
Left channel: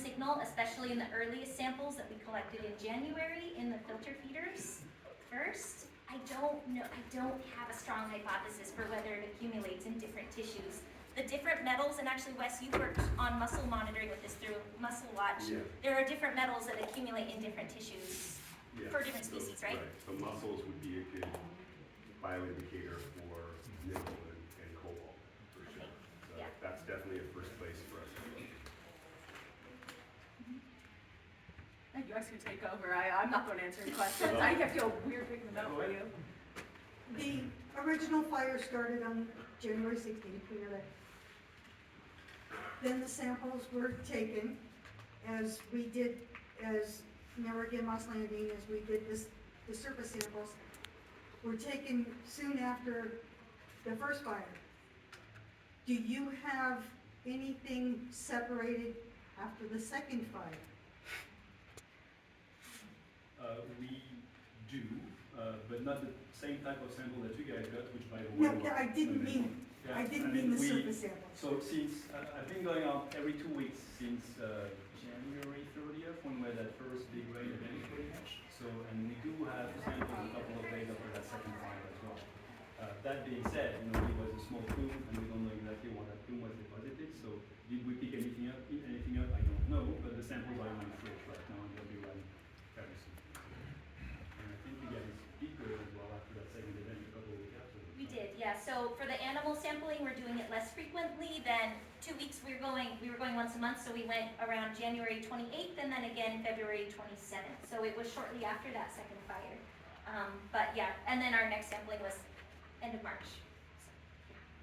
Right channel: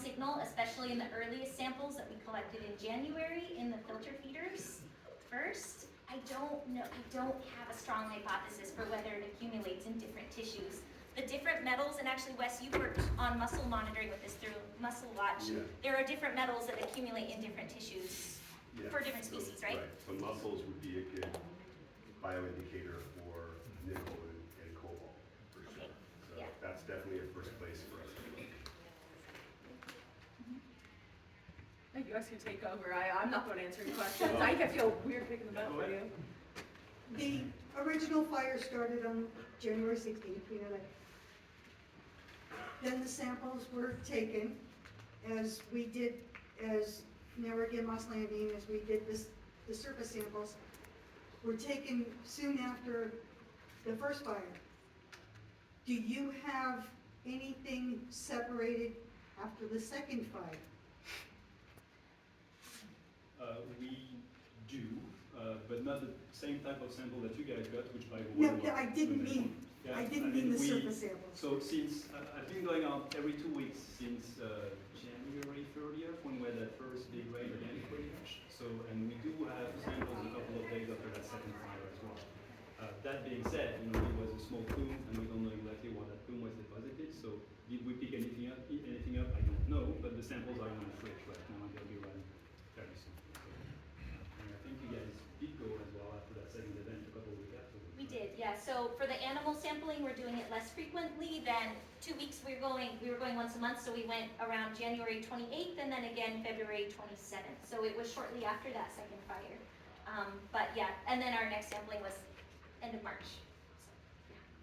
signal, especially in the earliest samples that we collected in January in the filter feeders. First, I don't have a strong hypothesis for whether it accumulates in different tissues. The different metals, and actually Wes, you worked on muscle monitoring with this through Muscle Watch. Yeah. There are different metals that accumulate in different tissues for different species, right? So muscles would be a good bioindicator for nickel and cobalt, for sure. Okay. So Yeah. that's definitely a first place for us to look. You guys can take over. I'm not going to answer any questions. I feel weird picking them out for you. The original fire started on January 16th, we know that. Then the samples were taken, as Narragansett Moss Landing, as we did the surface samples, were taken soon after the first fire. Do you have anything separated after the second fire? We do, but not the same type of sample that you guys got, which by the way. No, I didn't mean the surface samples. So since, I've been going out every 2 weeks since January 30th, when we had that first big rain event pretty much. So, and we do have samples a couple of days after that second fire as well. That being said, it was a small plume, and we don't know exactly what that plume was deposited, so did we pick anything up? I don't know, but the samples are in my fridge right now, and they'll be running very soon. And I think you guys did go as well after that second event a couple of weeks afterwards. We did, yeah. So for the animal sampling, we're doing it less frequently than 2 weeks. We were going once a month, so we went around January 28th and then again February 27th. So it was shortly after that second fire. But yeah, and then our next sampling was end of March.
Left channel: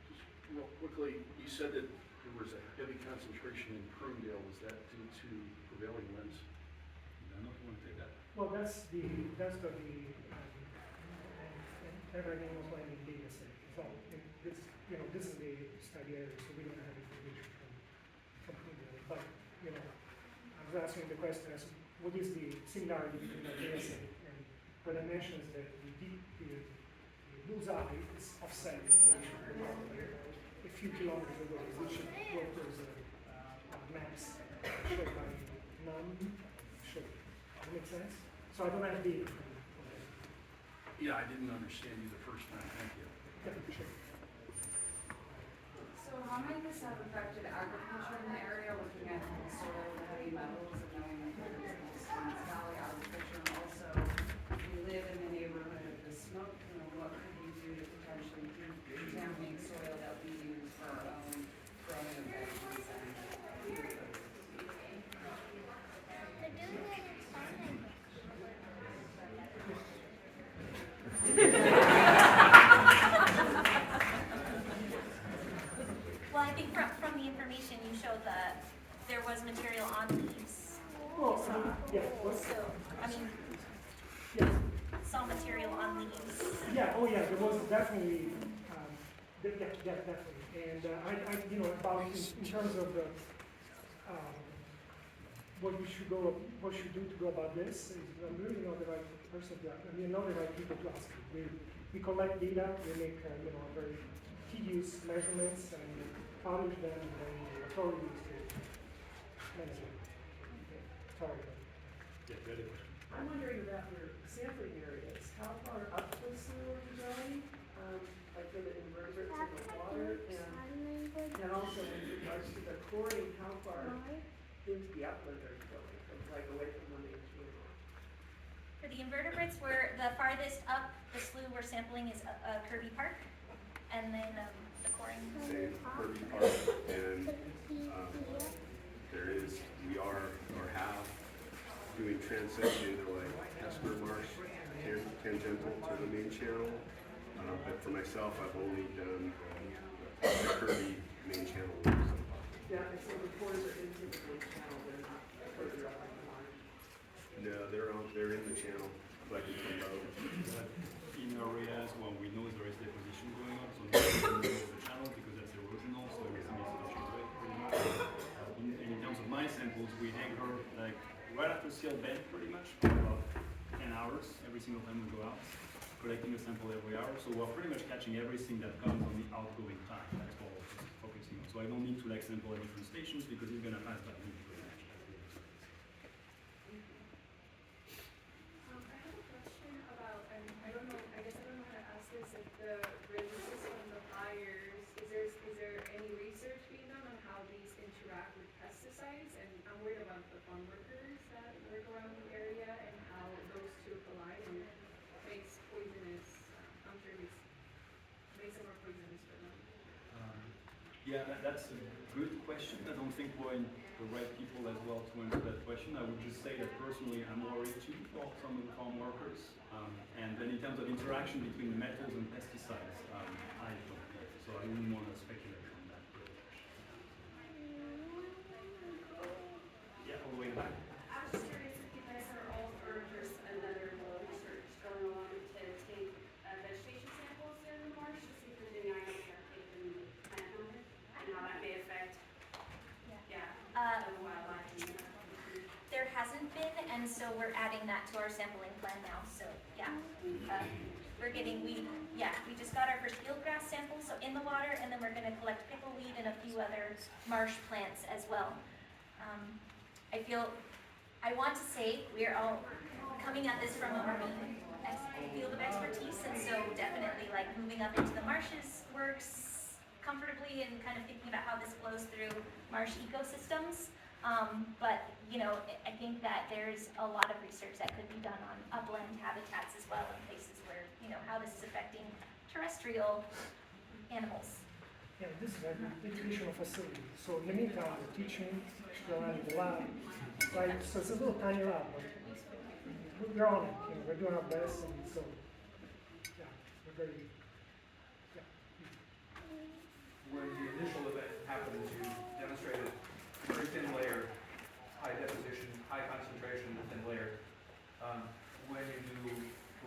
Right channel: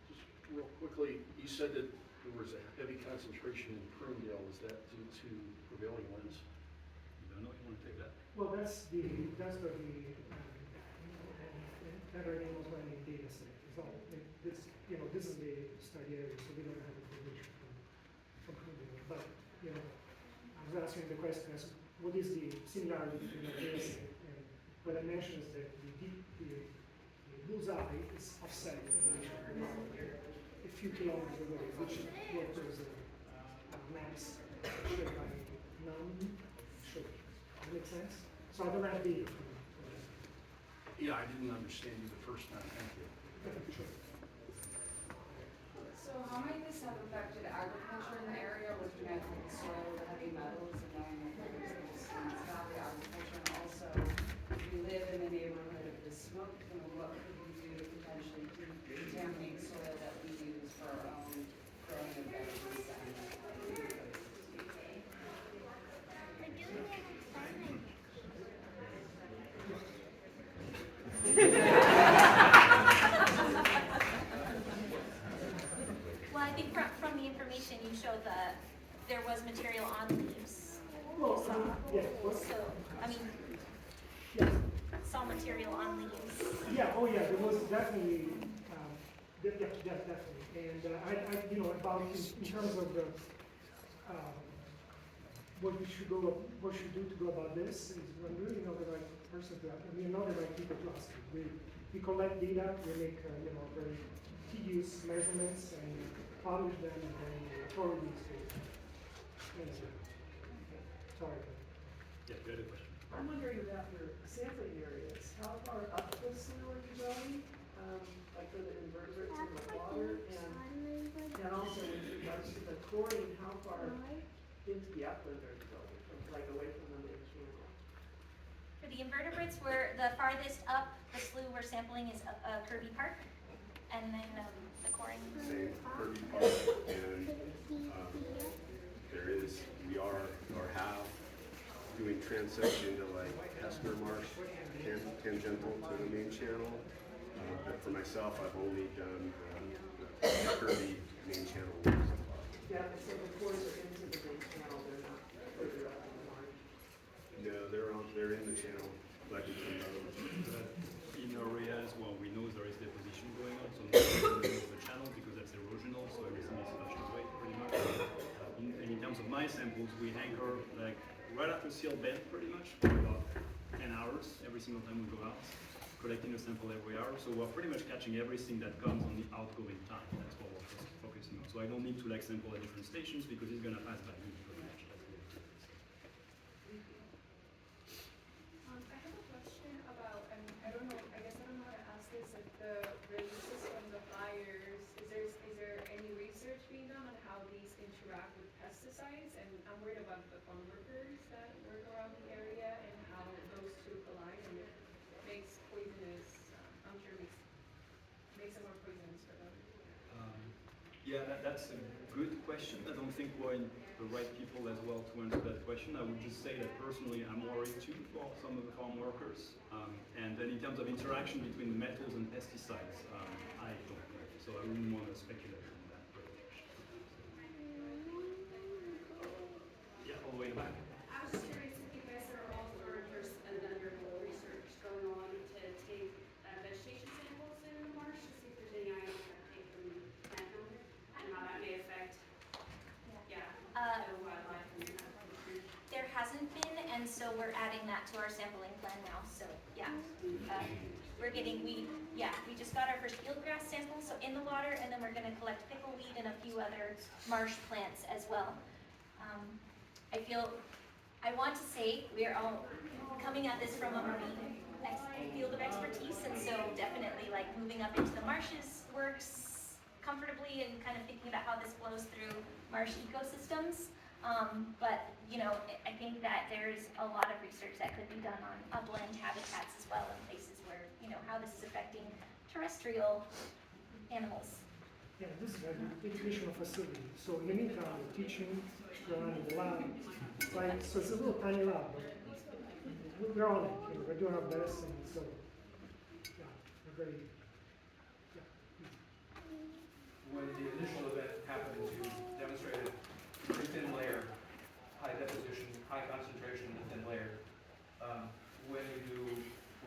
Just real quickly, you said that there was a heavy concentration in Prunedale. Was that due to prevailing winds? I don't know if you want to take that. Well, that's the Laboratories landing data set. So this is the study area, so we don't have information from Prunedale. But I was asking the question as what is the similarity between the data set and what I mentioned is that the bullseye is offset a few kilometers away, which is what there's a max shape by none shape. Does that make sense? So I don't have data. Yeah, I didn't understand you the first time. Thank you. Sure. So how might this have affected agriculture in the area, looking at the soil with heavy metals and knowing that there's this valley agriculture, and also if you live in the neighborhood of the smoke plume, what could you do to potentially contaminate soil that we use for our own growing of vegetables? Well, I think from the information you showed that there was material on leaves. Well, yeah. So, I mean, Yeah. saw material on leaves. Yeah, oh yeah, there was definitely, definitely. And about in terms of the, what we should do to go about this, is I'm really not the right person to ask. I mean, not the right people to ask. We collect data, we make, very tedious measurements and publish them, and then the authorities will answer. Okay. Sorry. Yeah, good question. I'm wondering about your sampling areas. How far up the sewer are you going? Like for the invertebrates in the water, and also in regards to the chlorine, how far into the upland are you going, from like away from the main channel? For the invertebrates, the farthest up the slough we're sampling is Kirby Park, and then the coring. Same Kirby Park, and we are or have doing transect into like Hesper Marsh, tangential to the main channel. But for myself, I've only done the Kirby main channel so far. Yeah, and so the cores are into the main channel, they're not further up in the marsh. No, they're in the channel, collecting from both. But in areas where we know there is deposition going on, so not in the middle of the channel because that's erosional, so everything is flushing away pretty much. In terms of my samples, we anchor like right after seal bed pretty much for about 10 hours every single time we go out, collecting a sample every hour. So we're pretty much catching everything that comes on the outgoing time. That's what we're focusing on. So I don't need to like sample at different stations because it's gonna pass by me pretty much. That's the idea. I have a question about, I don't know, I guess I don't know how to ask this, if the releases from the fires, is there any research being done on how these interact with pesticides? And I'm worried about the farm workers that work around the area and how those two collide and it makes poisonous, I'm sure it makes it more poisonous for them. Yeah, that's a good question. I don't think we're in the right people as well to answer that question. I would just say that personally I'm worried too for some of the farm workers. And then in terms of interaction between metals and pesticides, I don't know. So I wouldn't want to speculate on that very much. Yeah, all the way back. I was curious if you guys are all, or there's another research going on to take vegetation samples in the marsh to see if there's any items that they can plant on it and how that may affect, the wildlife and that. There hasn't been, and so we're adding that to our sampling plan now, so, yeah. We just got our first fieldgrass samples, so in the water, and then we're gonna collect pickleweed and a few other marsh plants as well. I want to say we're all coming at this from a marine field of expertise, and so definitely like moving up into the marshes works comfortably and kind of thinking about how this flows through marsh ecosystems. But, I think that there's a lot of research that could be done on upland habitats as well, and places where, how this is affecting terrestrial animals. Yeah, this is like an educational facility. So in the meantime, we're teaching, we're running the lab, right? So it's a little tiny lab, but we're on it. We're doing our best, and so yeah, we're very When the initial event happened, you demonstrated very thin layer, high deposition, high concentration, thin layer. When you do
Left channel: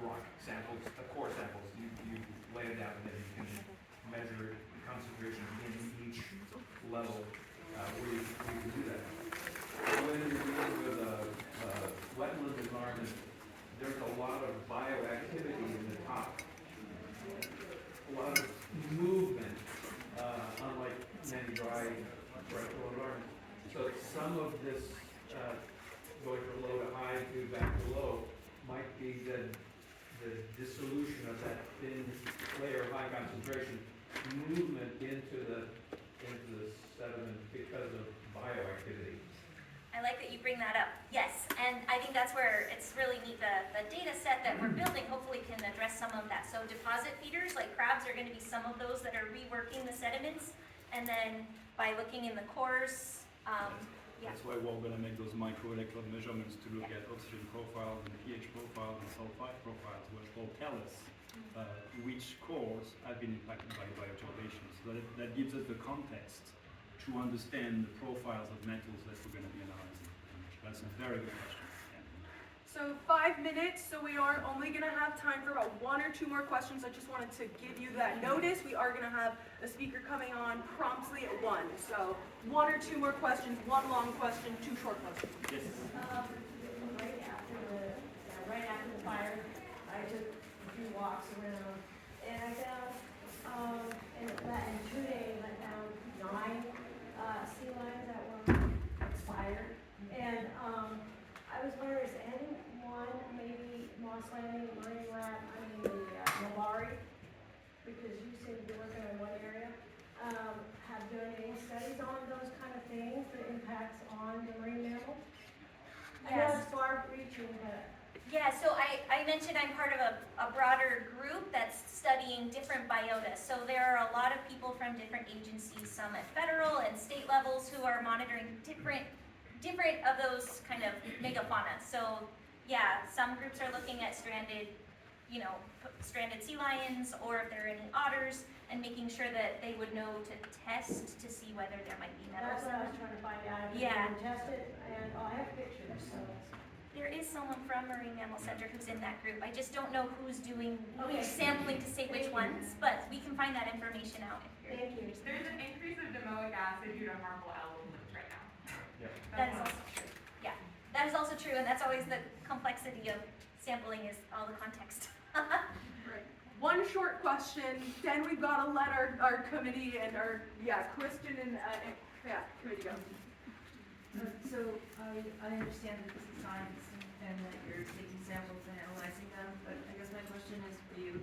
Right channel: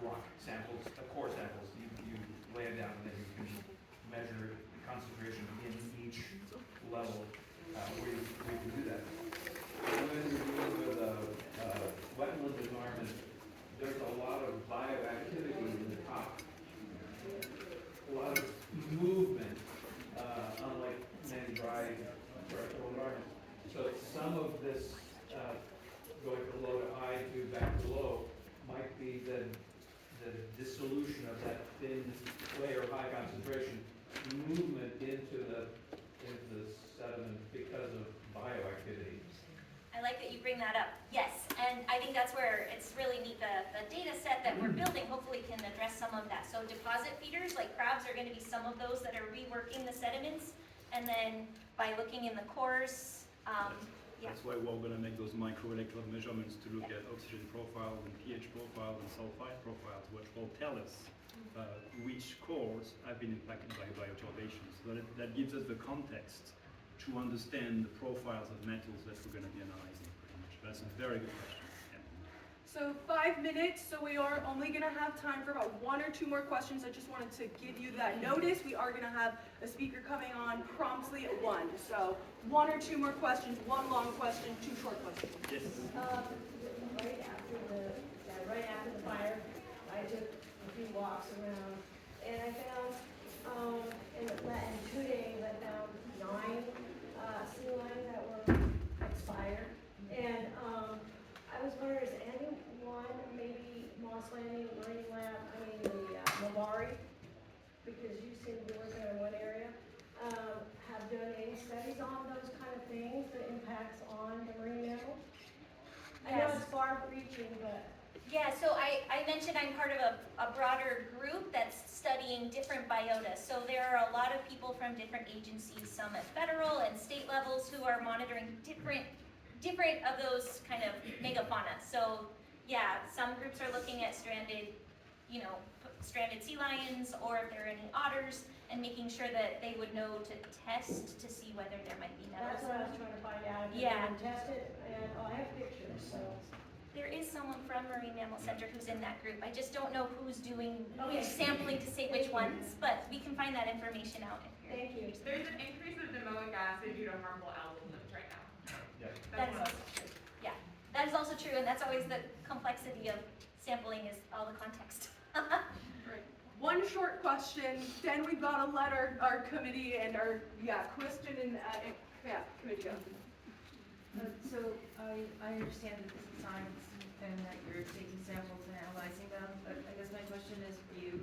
rock samples, core samples, you lay it down and then you can measure the concentration in each level where you can do that. When you're dealing with a wetland environment, there's a lot of bioactivity in the top, a lot of movement, unlike many dry terrestrial environments. So some of this going from low to high to back to low might be the dissolution of that thin layer of high concentration, movement into the sediment because of bioactivity. I like that you bring that up. Yes, and I think that's where it's really neat. The data set that we're building hopefully can address some of that. So deposit feeders, like crabs, are going to be some of those that are reworking the sediments. And then by looking in the cores, That's why we're going to make those microelectrode measurements to look at oxygen profiles and pH profiles and sulfide profiles, which will tell us which cores have been impacted by bioturbation. So that gives us the context to understand the profiles of metals that we're going to be analyzing pretty much. That's a very good question. So 5 minutes, so we are only gonna have time for about 1 or 2 more questions. I just wanted to give you that notice. We are gonna have a speaker coming on promptly at 1. So 1 or 2 more questions, 1 long question, 2 short questions. Yes. Right after the fire, I took a few walks around, and I found, in 2 days, I found 9 sea lions that were expired. And I was wondering, is anyone, maybe Moss Landing, Marine Lab, the Laboratories, because you seem to be working in one area, have done any studies on those kind of things, the impacts on the marine mammals? I know it's far reaching, but. Yeah, so I mentioned I'm part of a broader group that's studying different biotas. So there are a lot of people from different agencies, some at federal and state levels, who are monitoring different of those kind of megafauna. So yeah, some groups are looking at stranded, stranded sea lions, or if there are any otters, and making sure that they would know to test to see whether there might be metals. That's what I was trying to find out. If Yeah. you can test it, and I have pictures, so. There is someone from Marine Mammal Center who's in that group. I just don't know who's doing Okay. who's sampling to say which ones, but we can find that information out if you're Thank you. interested. There's an increase of domoic acid due to harmful algal blooms right now. That is also true. Yeah, that is also true, and that's always the complexity of sampling is all the context. One short question, then we've got to let our committee and our, question and, committee go. So I understand that this is science and that you're taking samples and analyzing them, but I guess my question is for you,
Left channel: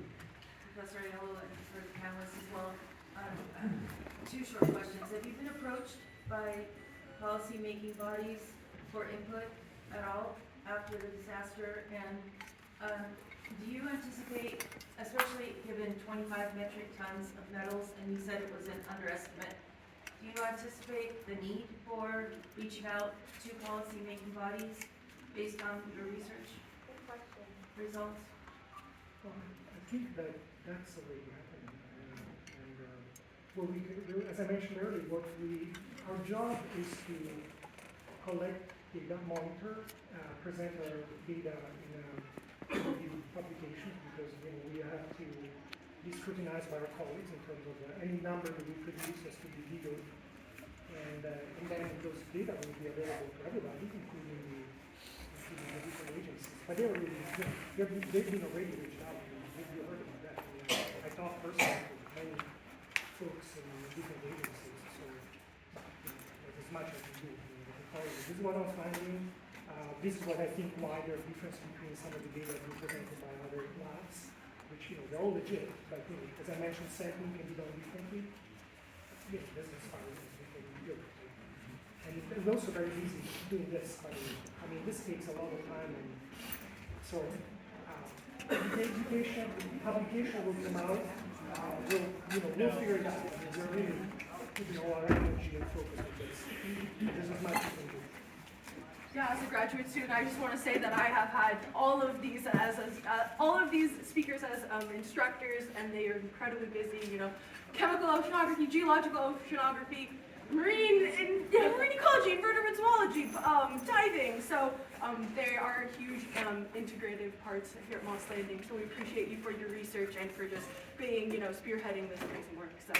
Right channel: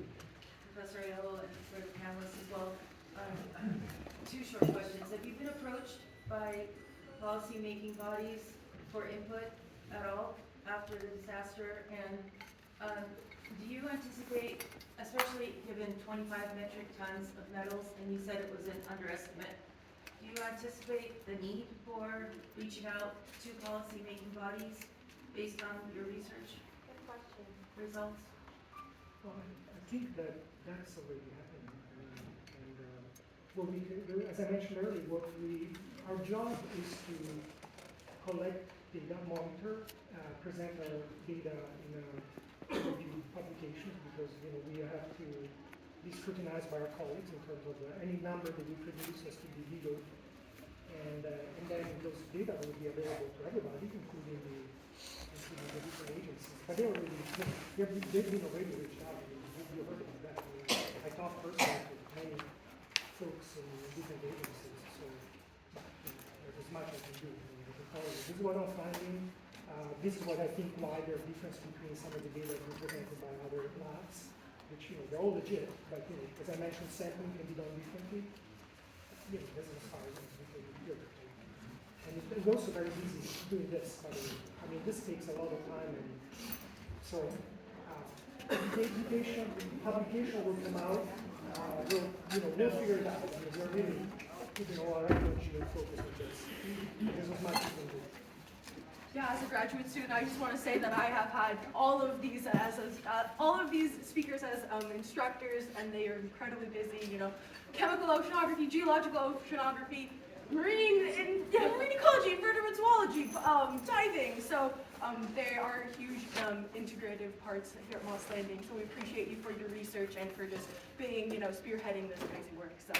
Professor Aiello, and for the panelists as well. Two short questions. Have you been approached by policy-making bodies for input at all after the disaster? And do you anticipate, especially given 25 metric tons of metals, and you said it was an underestimate, do you anticipate the need for reaching out to policy-making bodies based on your research results? Well, I think that that's already happening. What we do, as I mentioned earlier, our job is to collect data, monitor, present our data in a peer-reviewed publication, because we have to be scrutinized by our colleagues in terms of any number that we produce has to be legal, and then those data will be available to everybody, including the different agencies. But they've been already reached out. You heard about that. I talked personally to many folks in different agencies, so there's as much as we do. This is what I'm finding. This is what I think why there's a difference between some of the data being presented by other labs, which they're all legit, but as I mentioned, sampling can be done differently. This is as far as we can do. And it's also very easy doing this, by the way. I mean, this takes a lot of time, and so publication will come out. We'll figure it out. I mean, we're really putting all our energy and focus on this. There's as much as we can do. Yeah, as a graduate student, I just want to say that I have had all of these speakers as instructors, and they are incredibly busy. Chemical oceanography, geological oceanography, marine ecology, invertebrate zoology, diving. So they are huge integrative parts here at Moss Landing. So we appreciate you for your research and for just being, spearheading this crazy work. So.